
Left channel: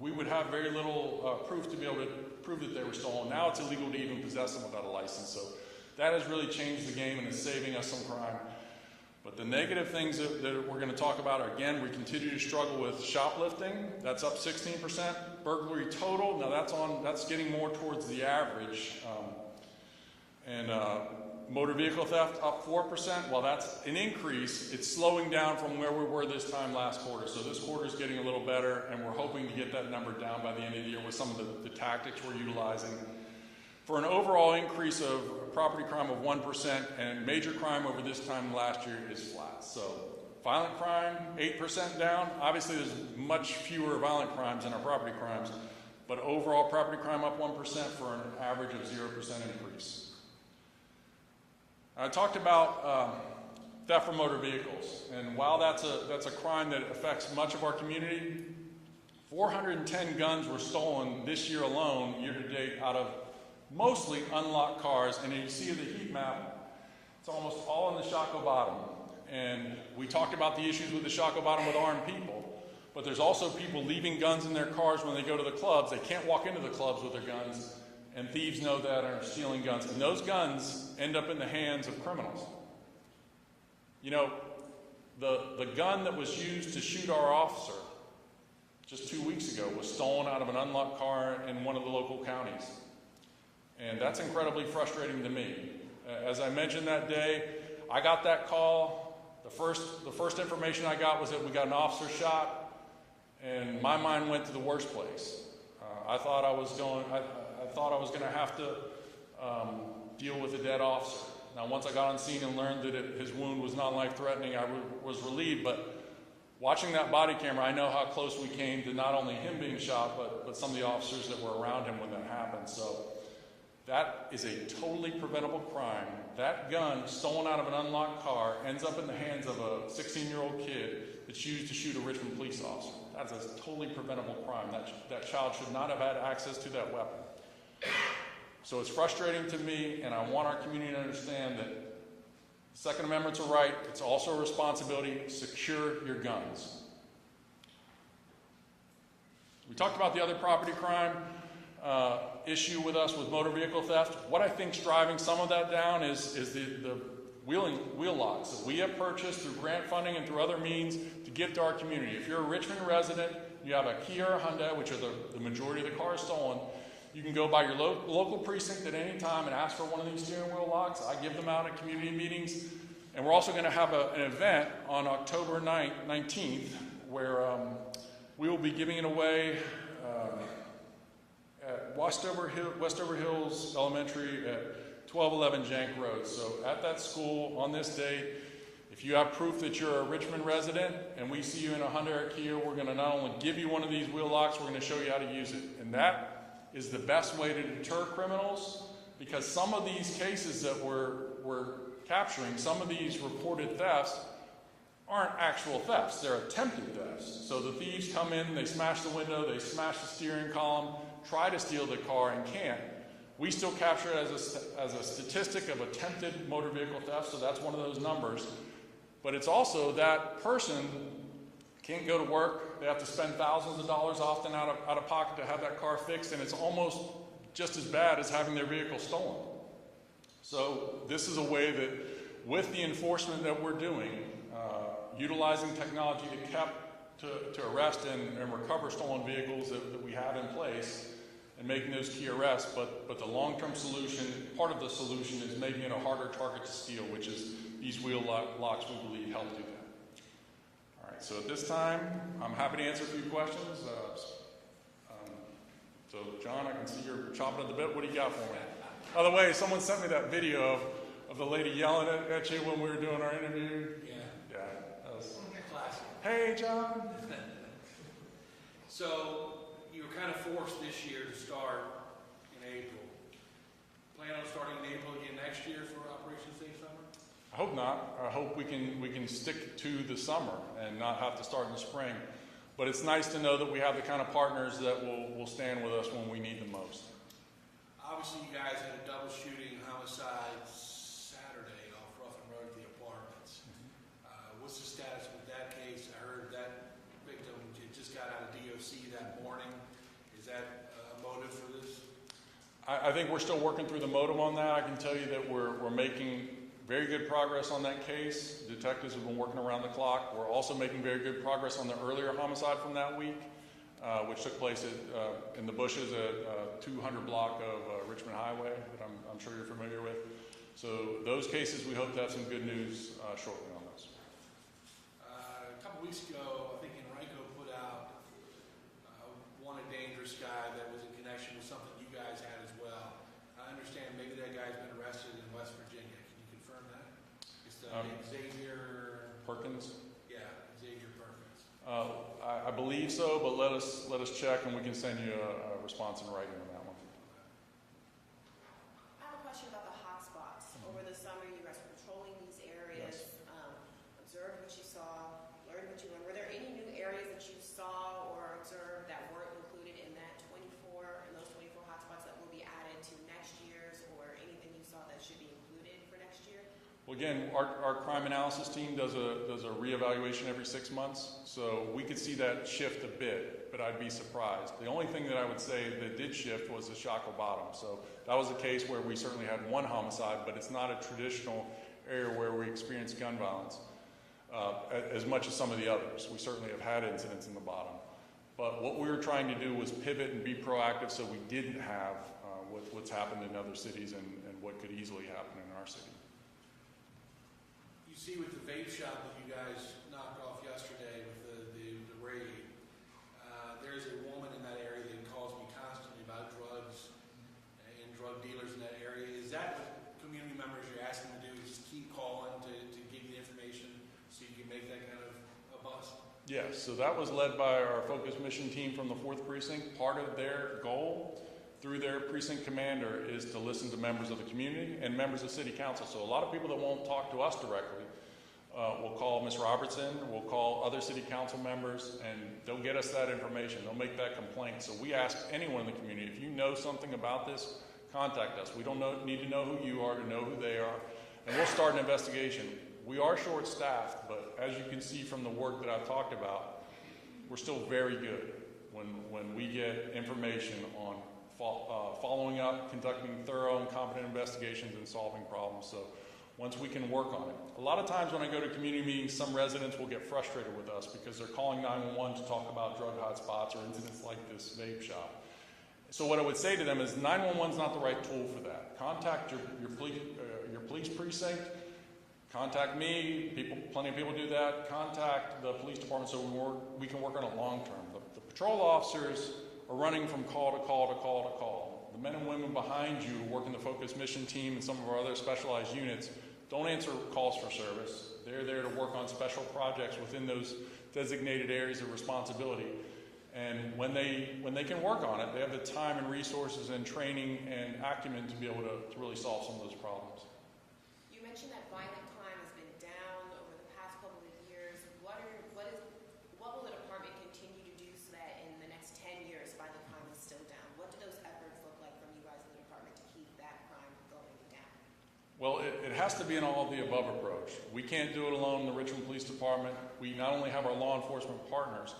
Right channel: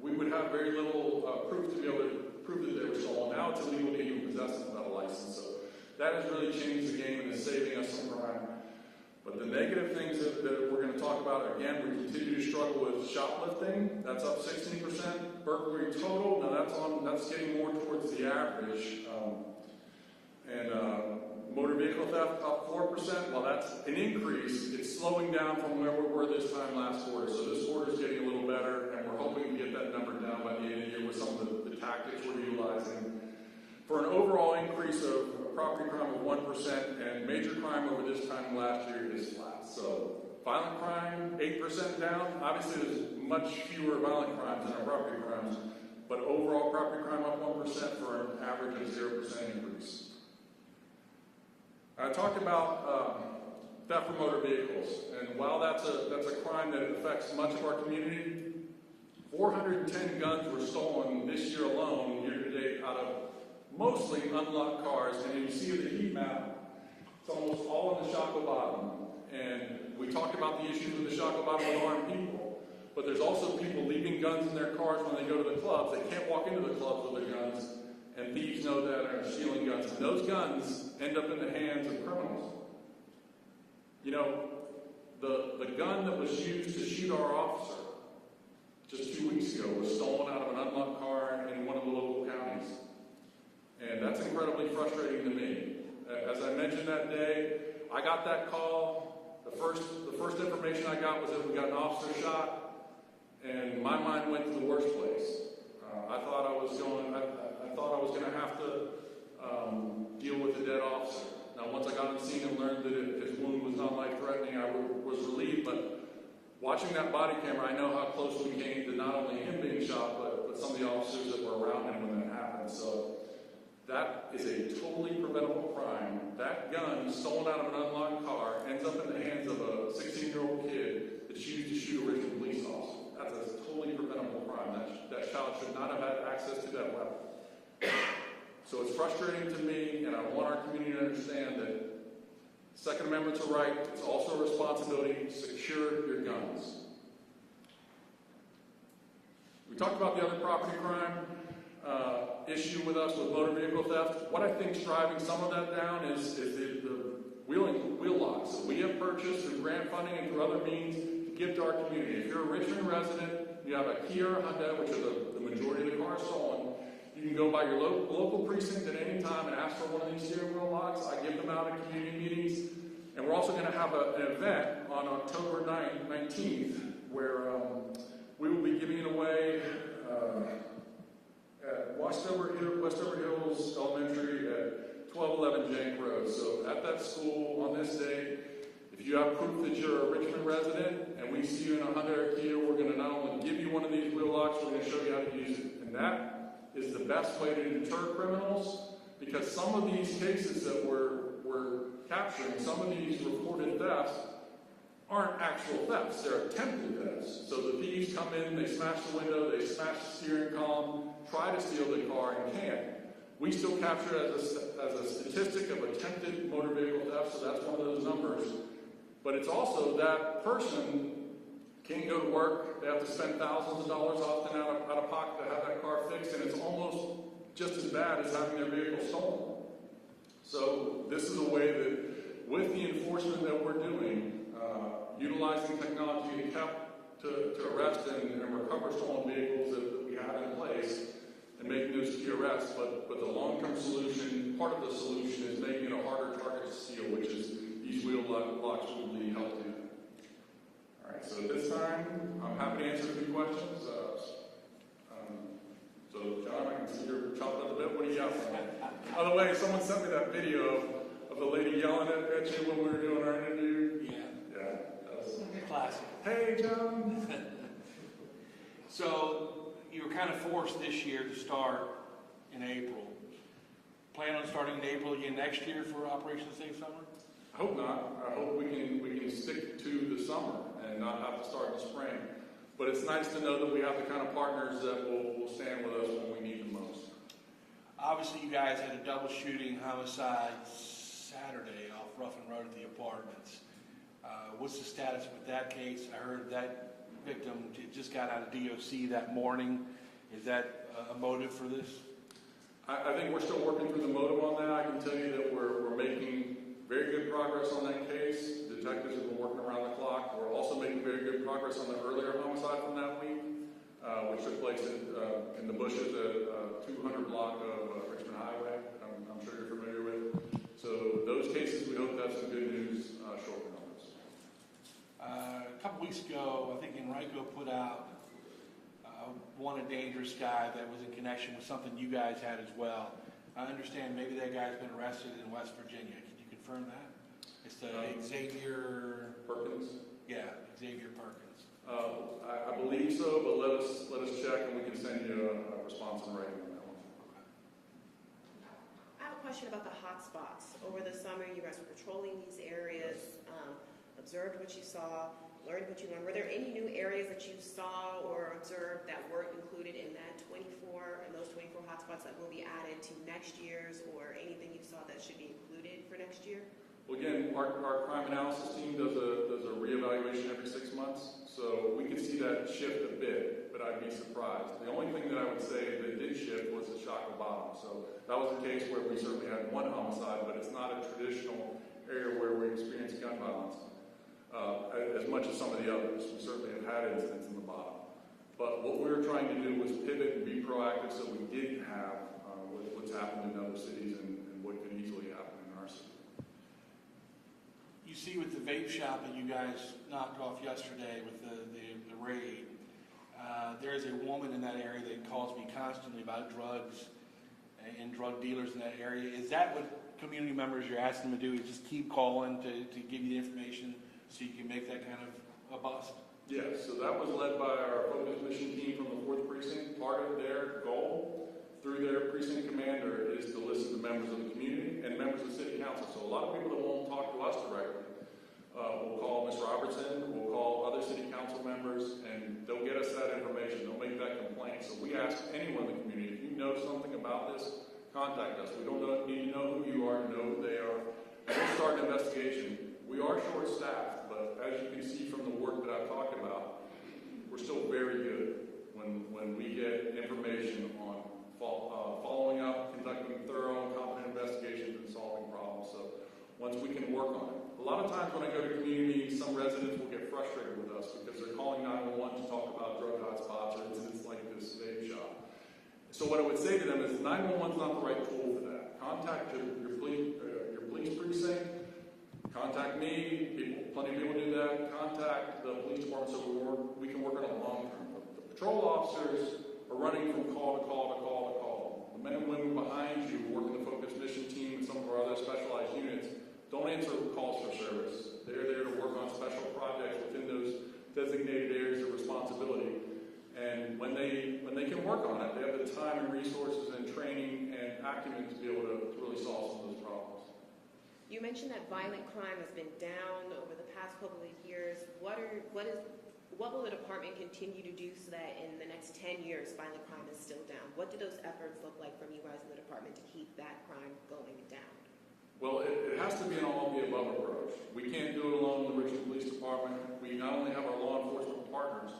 we would have very little proof to be able to prove that they were stolen. Now it's illegal to even possess them without a license. So that has really changed the game and is saving us some crime. But the negative things that we're going to talk about are, again, we continue to struggle with shoplifting. That's up 16%. Burglary total, now that's getting more towards the average. Motor vehicle theft up 4%. Well, that's an increase. It's slowing down from where we were this time last quarter. So this quarter is getting a little better, and we're hoping to get that number down by the end of the year with some of the tactics we're utilizing. For an overall increase of property crime of 1%, and major crime over this time last year is flat. So violent crime, 8% down. Obviously, there's much fewer violent crimes than our property crimes, but overall property crime up 1% for an average of 0% increase. I talked about theft from motor vehicles, and while that's a crime that affects much of our community, 410 guns were stolen this year alone, year to date, out of mostly unlocked cars. And if you see the heat map, it's almost all in the Shockoe Bottom. And we talked about the issues with the Shockoe Bottom with armed people, but there's also people leaving guns in their cars when they go to the clubs. They can't walk into the clubs with their guns, and thieves know that and are stealing guns. And those guns end up in the hands of criminals. You know, the gun that was used to shoot our officer just 2 weeks ago was stolen out of an unlocked car in one of the local counties. And that's incredibly frustrating to me. As I mentioned that day, I got that call. The first information I got was that we got an officer shot, and my mind went to the worst place. I thought I was going to have to deal with a dead officer. Now, once I got on scene and learned that his wound was not life-threatening, I was relieved. But watching that body camera, I know how close we came to not only him being shot, but some of the officers that were around him when that happened. So that is a totally preventable crime. That gun stolen out of an unlocked car ends up in the hands of a 16-year-old kid that's used to shoot a Richmond police officer. That's a totally preventable crime. That child should not have had access to that weapon. So it's frustrating to me, and I want our community to understand that the Second Amendment's a right. It's also a responsibility. Secure your guns. We talked about the other property crime issue with us with motor vehicle theft. What I think is driving some of that down is the wheel locks that we have purchased through grant funding and through other means to give to our community. If you're a Richmond resident, you have a Kia or Hyundai, which are the majority of the cars stolen, you can go by your local precinct at any time and ask for one of these steering wheel locks. I give them out at community meetings. And we're also going to have an event on October 19th where we will be giving it away at Westover Hills Elementary at 1211 Jank Road. So at that school on this day, if you have proof that you're a Richmond resident and we see you in a Hyundai or Kia, we're going to not only give you one of these wheel locks, we're going to show you how to use it. And that is the best way to deter criminals, because some of these cases that we're capturing, some of these reported thefts, aren't actual thefts. They're attempted thefts. So the thieves come in, they smash the window, they smash the steering column, try to steal the car and can't. We still capture it as a statistic of attempted motor vehicle theft, so that's one of those numbers. But it's also that person can't go to work. They have to spend thousands of dollars often out of pocket to have that car fixed, and it's almost just as bad as having their vehicle stolen. So this is a way that, with the enforcement that we're doing, utilizing technology to arrest and recover stolen vehicles that we have in place, and making those key arrests, but the long-term solution, part of the solution is making it a harder target to steal, which is these wheel locks we believe help do that. so at this time, I'm happy to answer a few questions. So, John, I can see you're chomping at the bit. What do you got for me? By the way, someone sent me that video of the lady yelling at you when we were doing our interview. Yeah. That was... Classic. Hey, John. So you were kind of forced this year to start in April. Plan on starting in April again next year for Operation Safe Summer? I hope not. I hope we can stick to the summer and not have to start in the spring. But it's nice to know that we have the kind of partners that will stand with us when we need them most. Obviously, you guys had a double shooting homicide Saturday off Ruffin Road at the apartments. What's the status with that case? I heard that victim just got out of DOC that morning. Is that a motive for this? I think we're still working through the motive on that. I can tell you that we're making very good progress on that case. Detectives have been working around the clock. We're also making very good progress on the earlier homicide from that week, which took place in the bushes at 200 block of Richmond Highway, that I'm sure you're familiar with. So those cases, we hope to have some good news shortly on those. A couple weeks ago, I think Enrico put out Wanted Dangerous Guy that was in connection with something you guys had as well. I understand maybe that guy's been arrested in West Virginia. Can you confirm that? It's the Xavier Perkins? Yeah, Xavier Perkins. I believe so, but let us check and we can send you a response in writing on that one. I have a question about the hot spots. Over the summer, you guys were patrolling these areas, observed what you saw, learned what you learned. Were there any new areas that you saw or observed that weren't included in that 24 and those 24 hotspots that will be added to next year's, or anything you saw that should be included for next year? Well, again, our crime analysis team does a reevaluation every 6 months, so we could see that shift a bit, but I'd be surprised. The only thing that I would say that did shift was the Shockoe Bottom. So that was a case where we certainly had one homicide, but it's not a traditional area where we experience gun violence as much as some of the others. We certainly have had incidents in the bottom. But what we were trying to do was pivot and be proactive so we didn't have what's happened in other cities and what could easily happen in our city. You see with the vape shop that you guys knocked off yesterday with the raid, there is a woman in that area that calls me constantly about drugs and drug dealers in that area. Is that what community members you're asking them to do, is just keep calling to give you the information so you can make that kind of a bust? Yes, so that was led by our focus mission team from the 4th Precinct. Part of their goal through their precinct commander is to listen to members of the community and members of city council. So a lot of people that won't talk to us directly will call Ms. Robertson, will call other city council members, and they'll get us that information. They'll make that complaint. So we ask anyone in the community, if you know something about this, contact us. We don't need to know who you are to know who they are, and we'll start an investigation. We are short-staffed, but as you can see from the work that I've talked about, we're still very good when we get information on following up, conducting thorough and competent investigations, and solving problems. So once we can work on it. A lot of times when I go to community meetings, some residents will get frustrated with us because they're calling 911 to talk about drug hotspots or incidents like this vape shop. So what I would say to them is 911 is not the right tool for that. Contact your police precinct. Contact me. Plenty of people do that. Contact the police department so we can work on it long term. The patrol officers are running from call to call to call to call. The men and women behind you working the focus mission team and some of our other specialized units don't answer calls for service. They're there to work on special projects within those designated areas of responsibility. And when they can work on it, they have the time and resources and training and acumen to be able to really solve some of those problems. You mentioned that violent crime has been down over the past couple of years. What will the department continue to do so that in the next 10 years violent crime is still down? What do those efforts look like from you guys in the department to keep that crime going down? Well, it has to be an all-of-the-above approach. We can't do it alone in the Richmond Police Department. We not only have our law enforcement partners,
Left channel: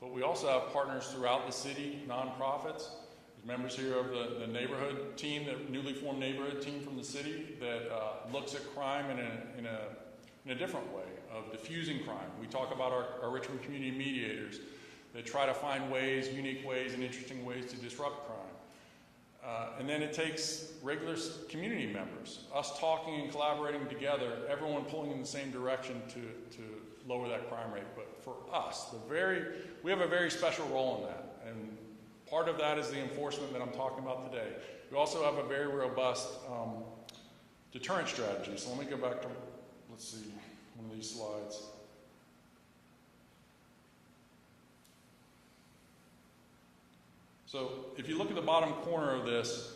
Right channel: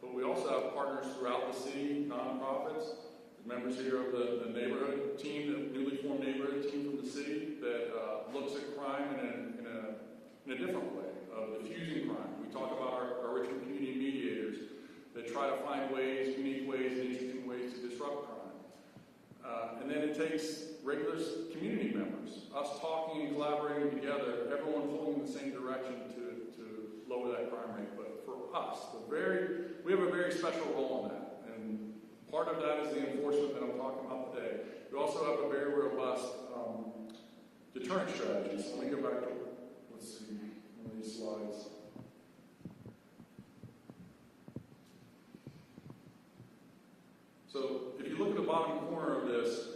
but we also have partners throughout the city, nonprofits. There's members here of the neighborhood team, the newly formed neighborhood team from the city that looks at crime in a different way, of diffusing crime. We talk about our Richmond community mediators that try to find ways, unique ways, and interesting ways to disrupt crime. And then it takes regular community members, us talking and collaborating together, everyone pulling in the same direction to lower that crime rate. But for us, we have a very special role in that. And part of that is the enforcement that I'm talking about today. We also have a very robust deterrent strategy. So let me go back to, let's see, one of these slides. So if you look at the bottom corner of this,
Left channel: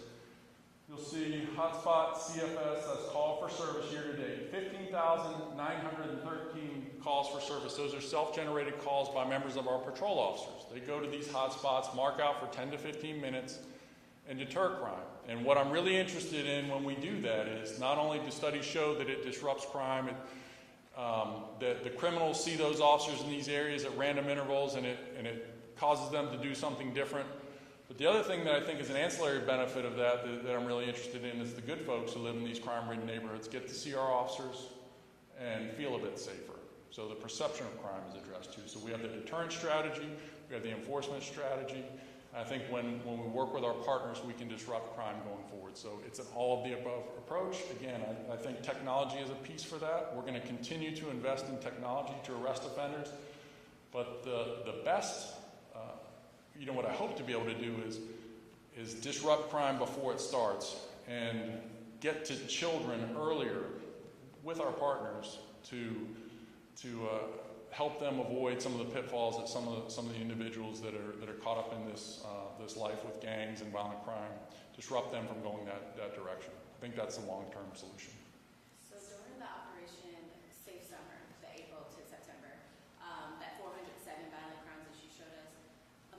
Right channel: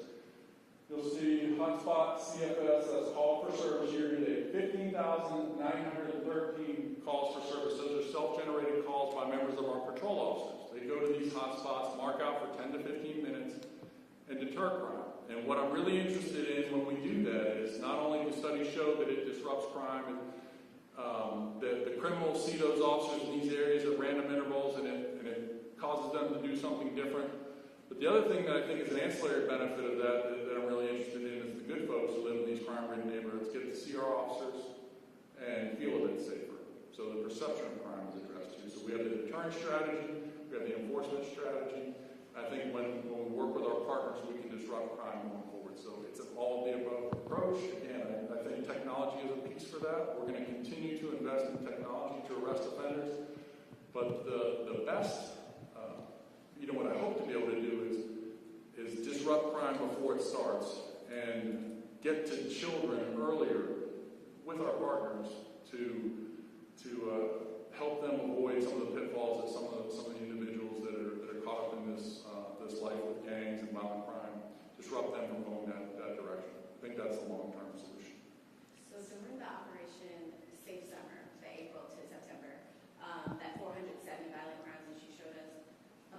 you'll see hotspot CFS, that's call for service year to date. 15,913 calls for service. Those are self-generated calls by members of our patrol officers. They go to these hotspots, mark out for 10 to 15 minutes, and deter crime. And what I'm really interested in when we do that is not only do studies show that it disrupts crime and that the criminals see those officers in these areas at random intervals and it causes them to do something different. But the other thing that I think is an ancillary benefit of that I'm really interested in is the good folks who live in these crime-ridden neighborhoods get to see our officers and feel a bit safer. So the perception of crime is addressed too. So we have the deterrent strategy, we have the enforcement strategy. I think when we work with our partners, we can disrupt crime going forward. So it's an all-of-the-above approach. Again, I think technology is a piece for that. We're going to continue to invest in technology to arrest offenders. But the best what I hope to be able to do is disrupt crime before it starts and get to children earlier with our partners to help them avoid some of the pitfalls that some of the individuals that are caught up in this life with gangs and violent crime, disrupt them from going that direction. I think that's a long-term solution. So during the operation Safe Summer, the April to September, that 407 violent crimes that you showed us,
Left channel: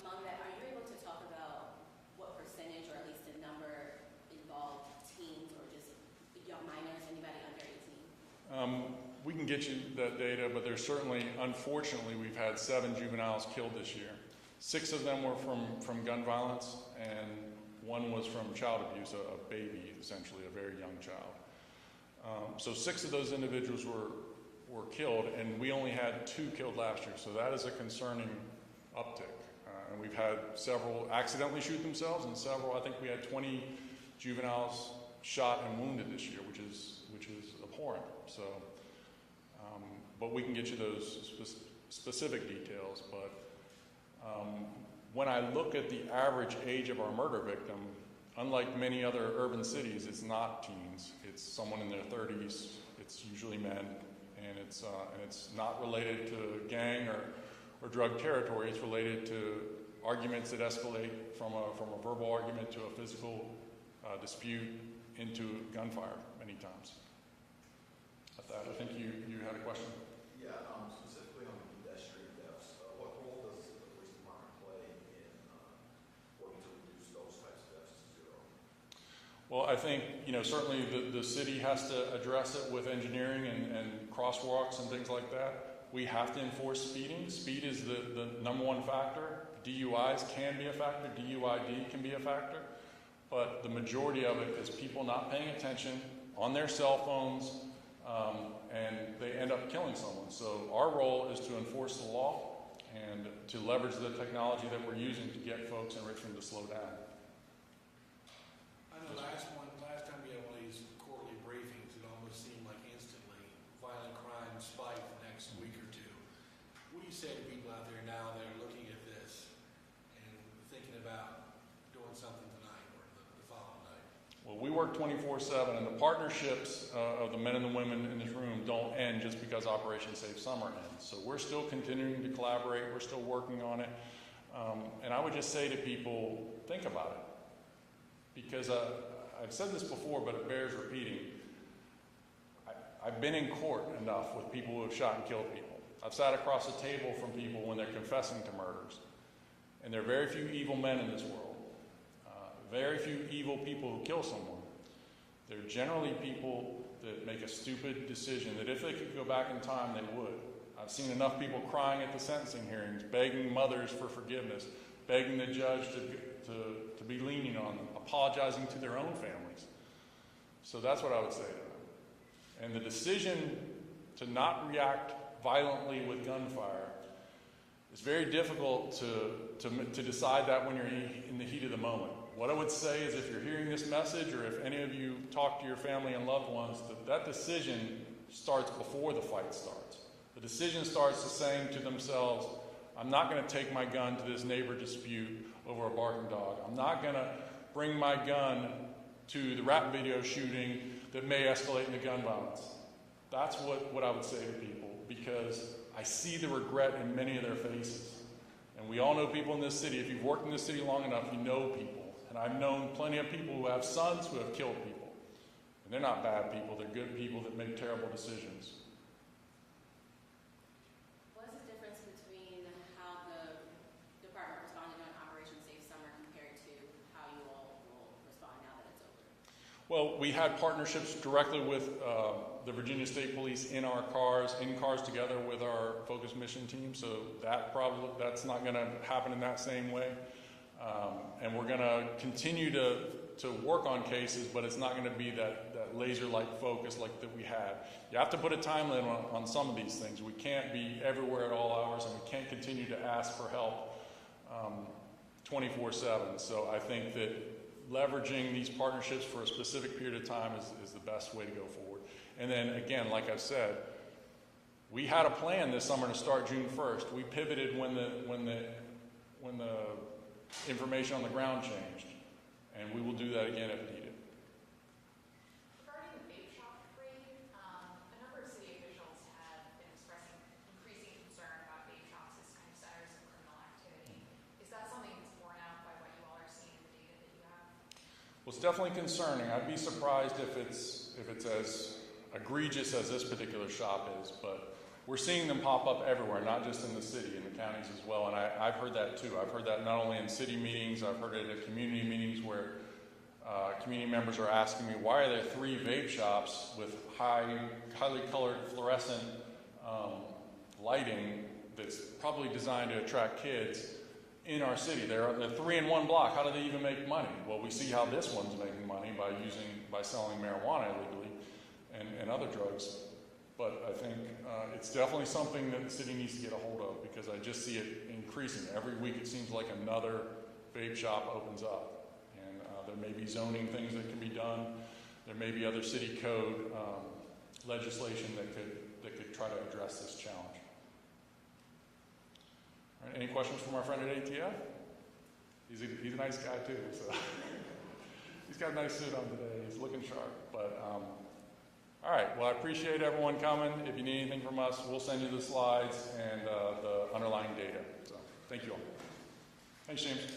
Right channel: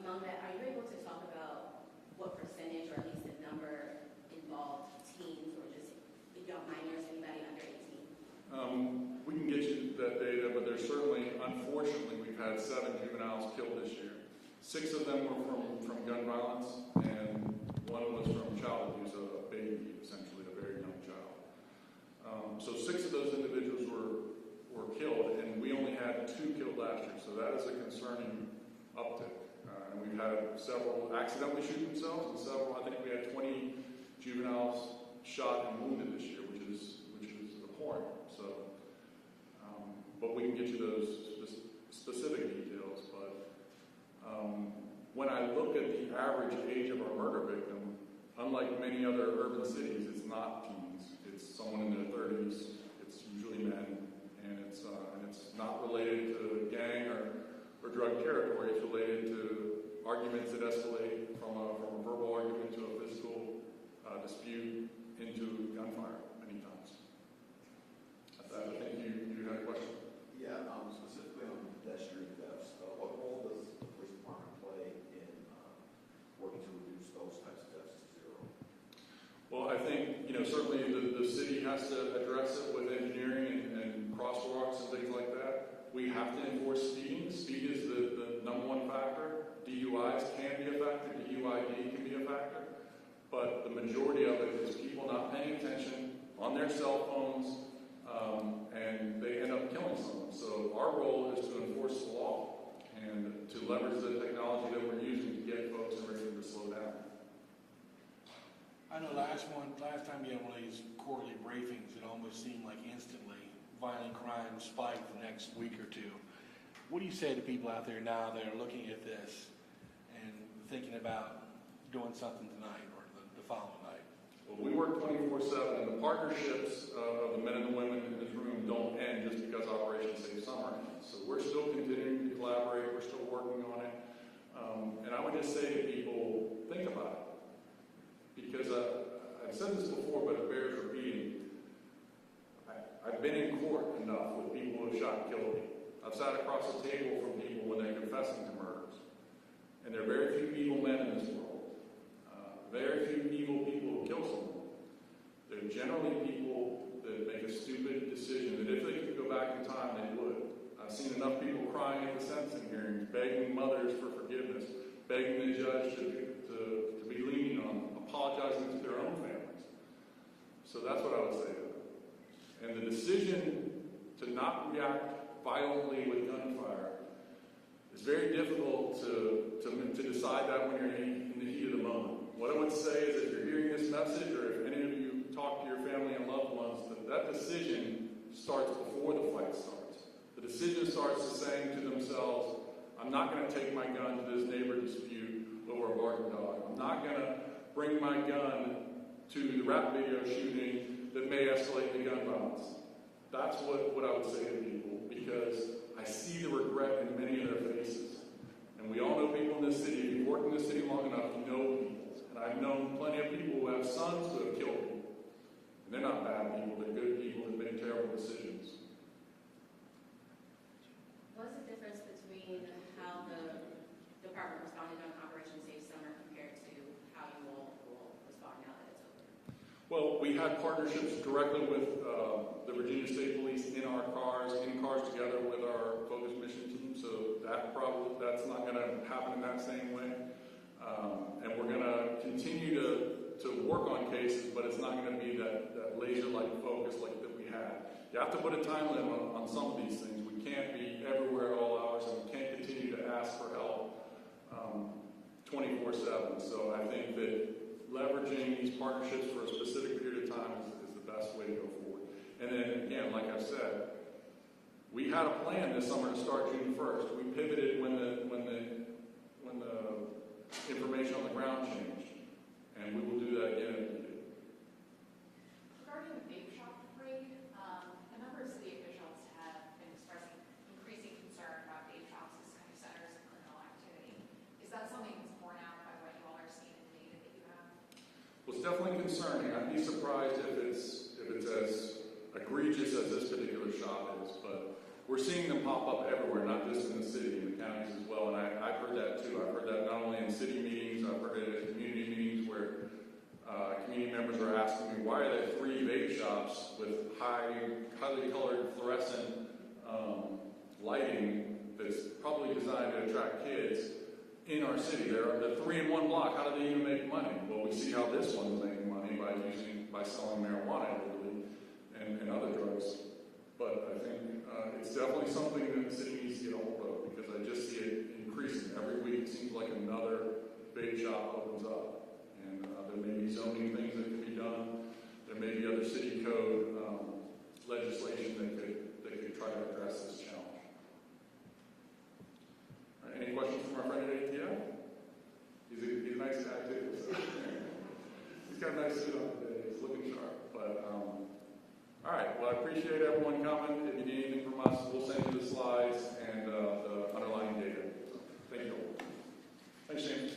among that, are you able to talk about what percentage or at least the number involved teens or just young minors, anybody under 18? We can get you that data, but there's certainly, unfortunately, we've had 7 juveniles killed this year. 6 of them were from gun violence, and 1 was from child abuse, a baby, essentially, a very young child. So 6 of those individuals were killed, and we only had 2 killed last year, so that is a concerning uptick. And we've had several accidentally shoot themselves, and several, I think we had 20 juveniles shot and wounded this year, which is abhorrent. So, but we can get you those specific details. But when I look at the average age of our murder victim, unlike many other urban cities, it's not teens. It's someone in their 30s. It's usually men, and it's not related to gang or drug territory. It's related to arguments that escalate from a verbal argument to a physical dispute into gunfire many times. I think you had a question. Yeah, specifically on pedestrian deaths. What role does the police department play in working to reduce those types of deaths to zero? Well, I think certainly the city has to address it with engineering and crosswalks and things like that. We have to enforce speeding. Speed is the number one factor. DUIs can be a factor. DUID can be a factor. But the majority of it is people not paying attention on their cell phones, and they end up killing someone. So our role is to enforce the law and to leverage the technology that we're using to get folks in Richmond to slow down. I know last time we had one of these quarterly briefings, it almost seemed like instantly violent crime spiked the next week or two. What do you say to people out there now that are looking at this and thinking about doing something tonight or the following night? Well, we work 24/7, and the partnerships of the men and the women in this room don't end just because Operation Safe Summer ends. So we're still continuing to collaborate. We're still working on it. And I would just say to people, think about it. Because I've said this before, but it bears repeating. I've been in court enough with people who have shot and killed people. I've sat across a table from people when they're confessing to murders. And there are very few evil men in this world. Very few evil people who kill someone. They're generally people that make a stupid decision that if they could go back in time, they would. I've seen enough people crying at the sentencing hearings, begging mothers for forgiveness, begging the judge to be lenient on them, apologizing to their own families. So that's what I would say to them. And the decision to not react violently with gunfire is very difficult to decide that when you're in the heat of the moment. What I would say is if you're hearing this message, or if any of you talk to your family and loved ones, that decision starts before the fight starts. The decision starts with saying to themselves, I'm not going to take my gun to this neighbor dispute over a barking dog. I'm not going to bring my gun to the rap video shooting that may escalate into gun violence. That's what I would say to people, because I see the regret in many of their faces. And we all know people in this city. If you've worked in this city long enough, you know people. And I've known plenty of people who have sons who have killed people. And they're not bad people. They're good people that make terrible decisions. What is the difference between how the department responded on Operation Safe Summer compared to how you all will respond now that it's over? Well, we had partnerships directly with the Virginia State Police in cars together with our focus mission team, so that's not going to happen in that same way. And we're going to continue to work on cases, but it's not going to be that laser-like focus like that we had. You have to put a time limit on some of these things. We can't be everywhere at all hours, and we can't continue to ask for help 24/7. So I think that leveraging these partnerships for a specific period of time is the best way to go forward. And then again, like I said, we had a plan this summer to start June 1st. We pivoted when the information on the ground changed, and we will do that again if needed. Regarding the vape shop raid, a number of city officials have been expressing increasing concern about vape shops as kind of centers of criminal activity. Is that something that's borne out by what you all are seeing in the data that you have? Well, it's definitely concerning. I'd be surprised if it's as egregious as this particular shop is, but we're seeing them pop up everywhere, not just in the city, in the counties as well. And I've heard that too. I've heard that not only in city meetings, I've heard it at community meetings where community members are asking me, why are there 3 vape shops with highly colored fluorescent lighting that's probably designed to attract kids in our city? They're 3 in one block. How do they even make money? Well, we see how this one's making money by selling marijuana illegally and other drugs. But I think it's definitely something that the city needs to get a hold of, because I just see it increasing. Every week it seems like another vape shop opens up. And there may be zoning things that can be done. There may be other city code legislation that could try to address this challenge. All right, any questions from our friend at ATF? He's a nice guy too. So. He's got a nice suit on today. He's looking sharp. But all right, well, I appreciate everyone coming. If you need anything from us, we'll send you the slides and the underlying data. So thank you all. Thanks, James.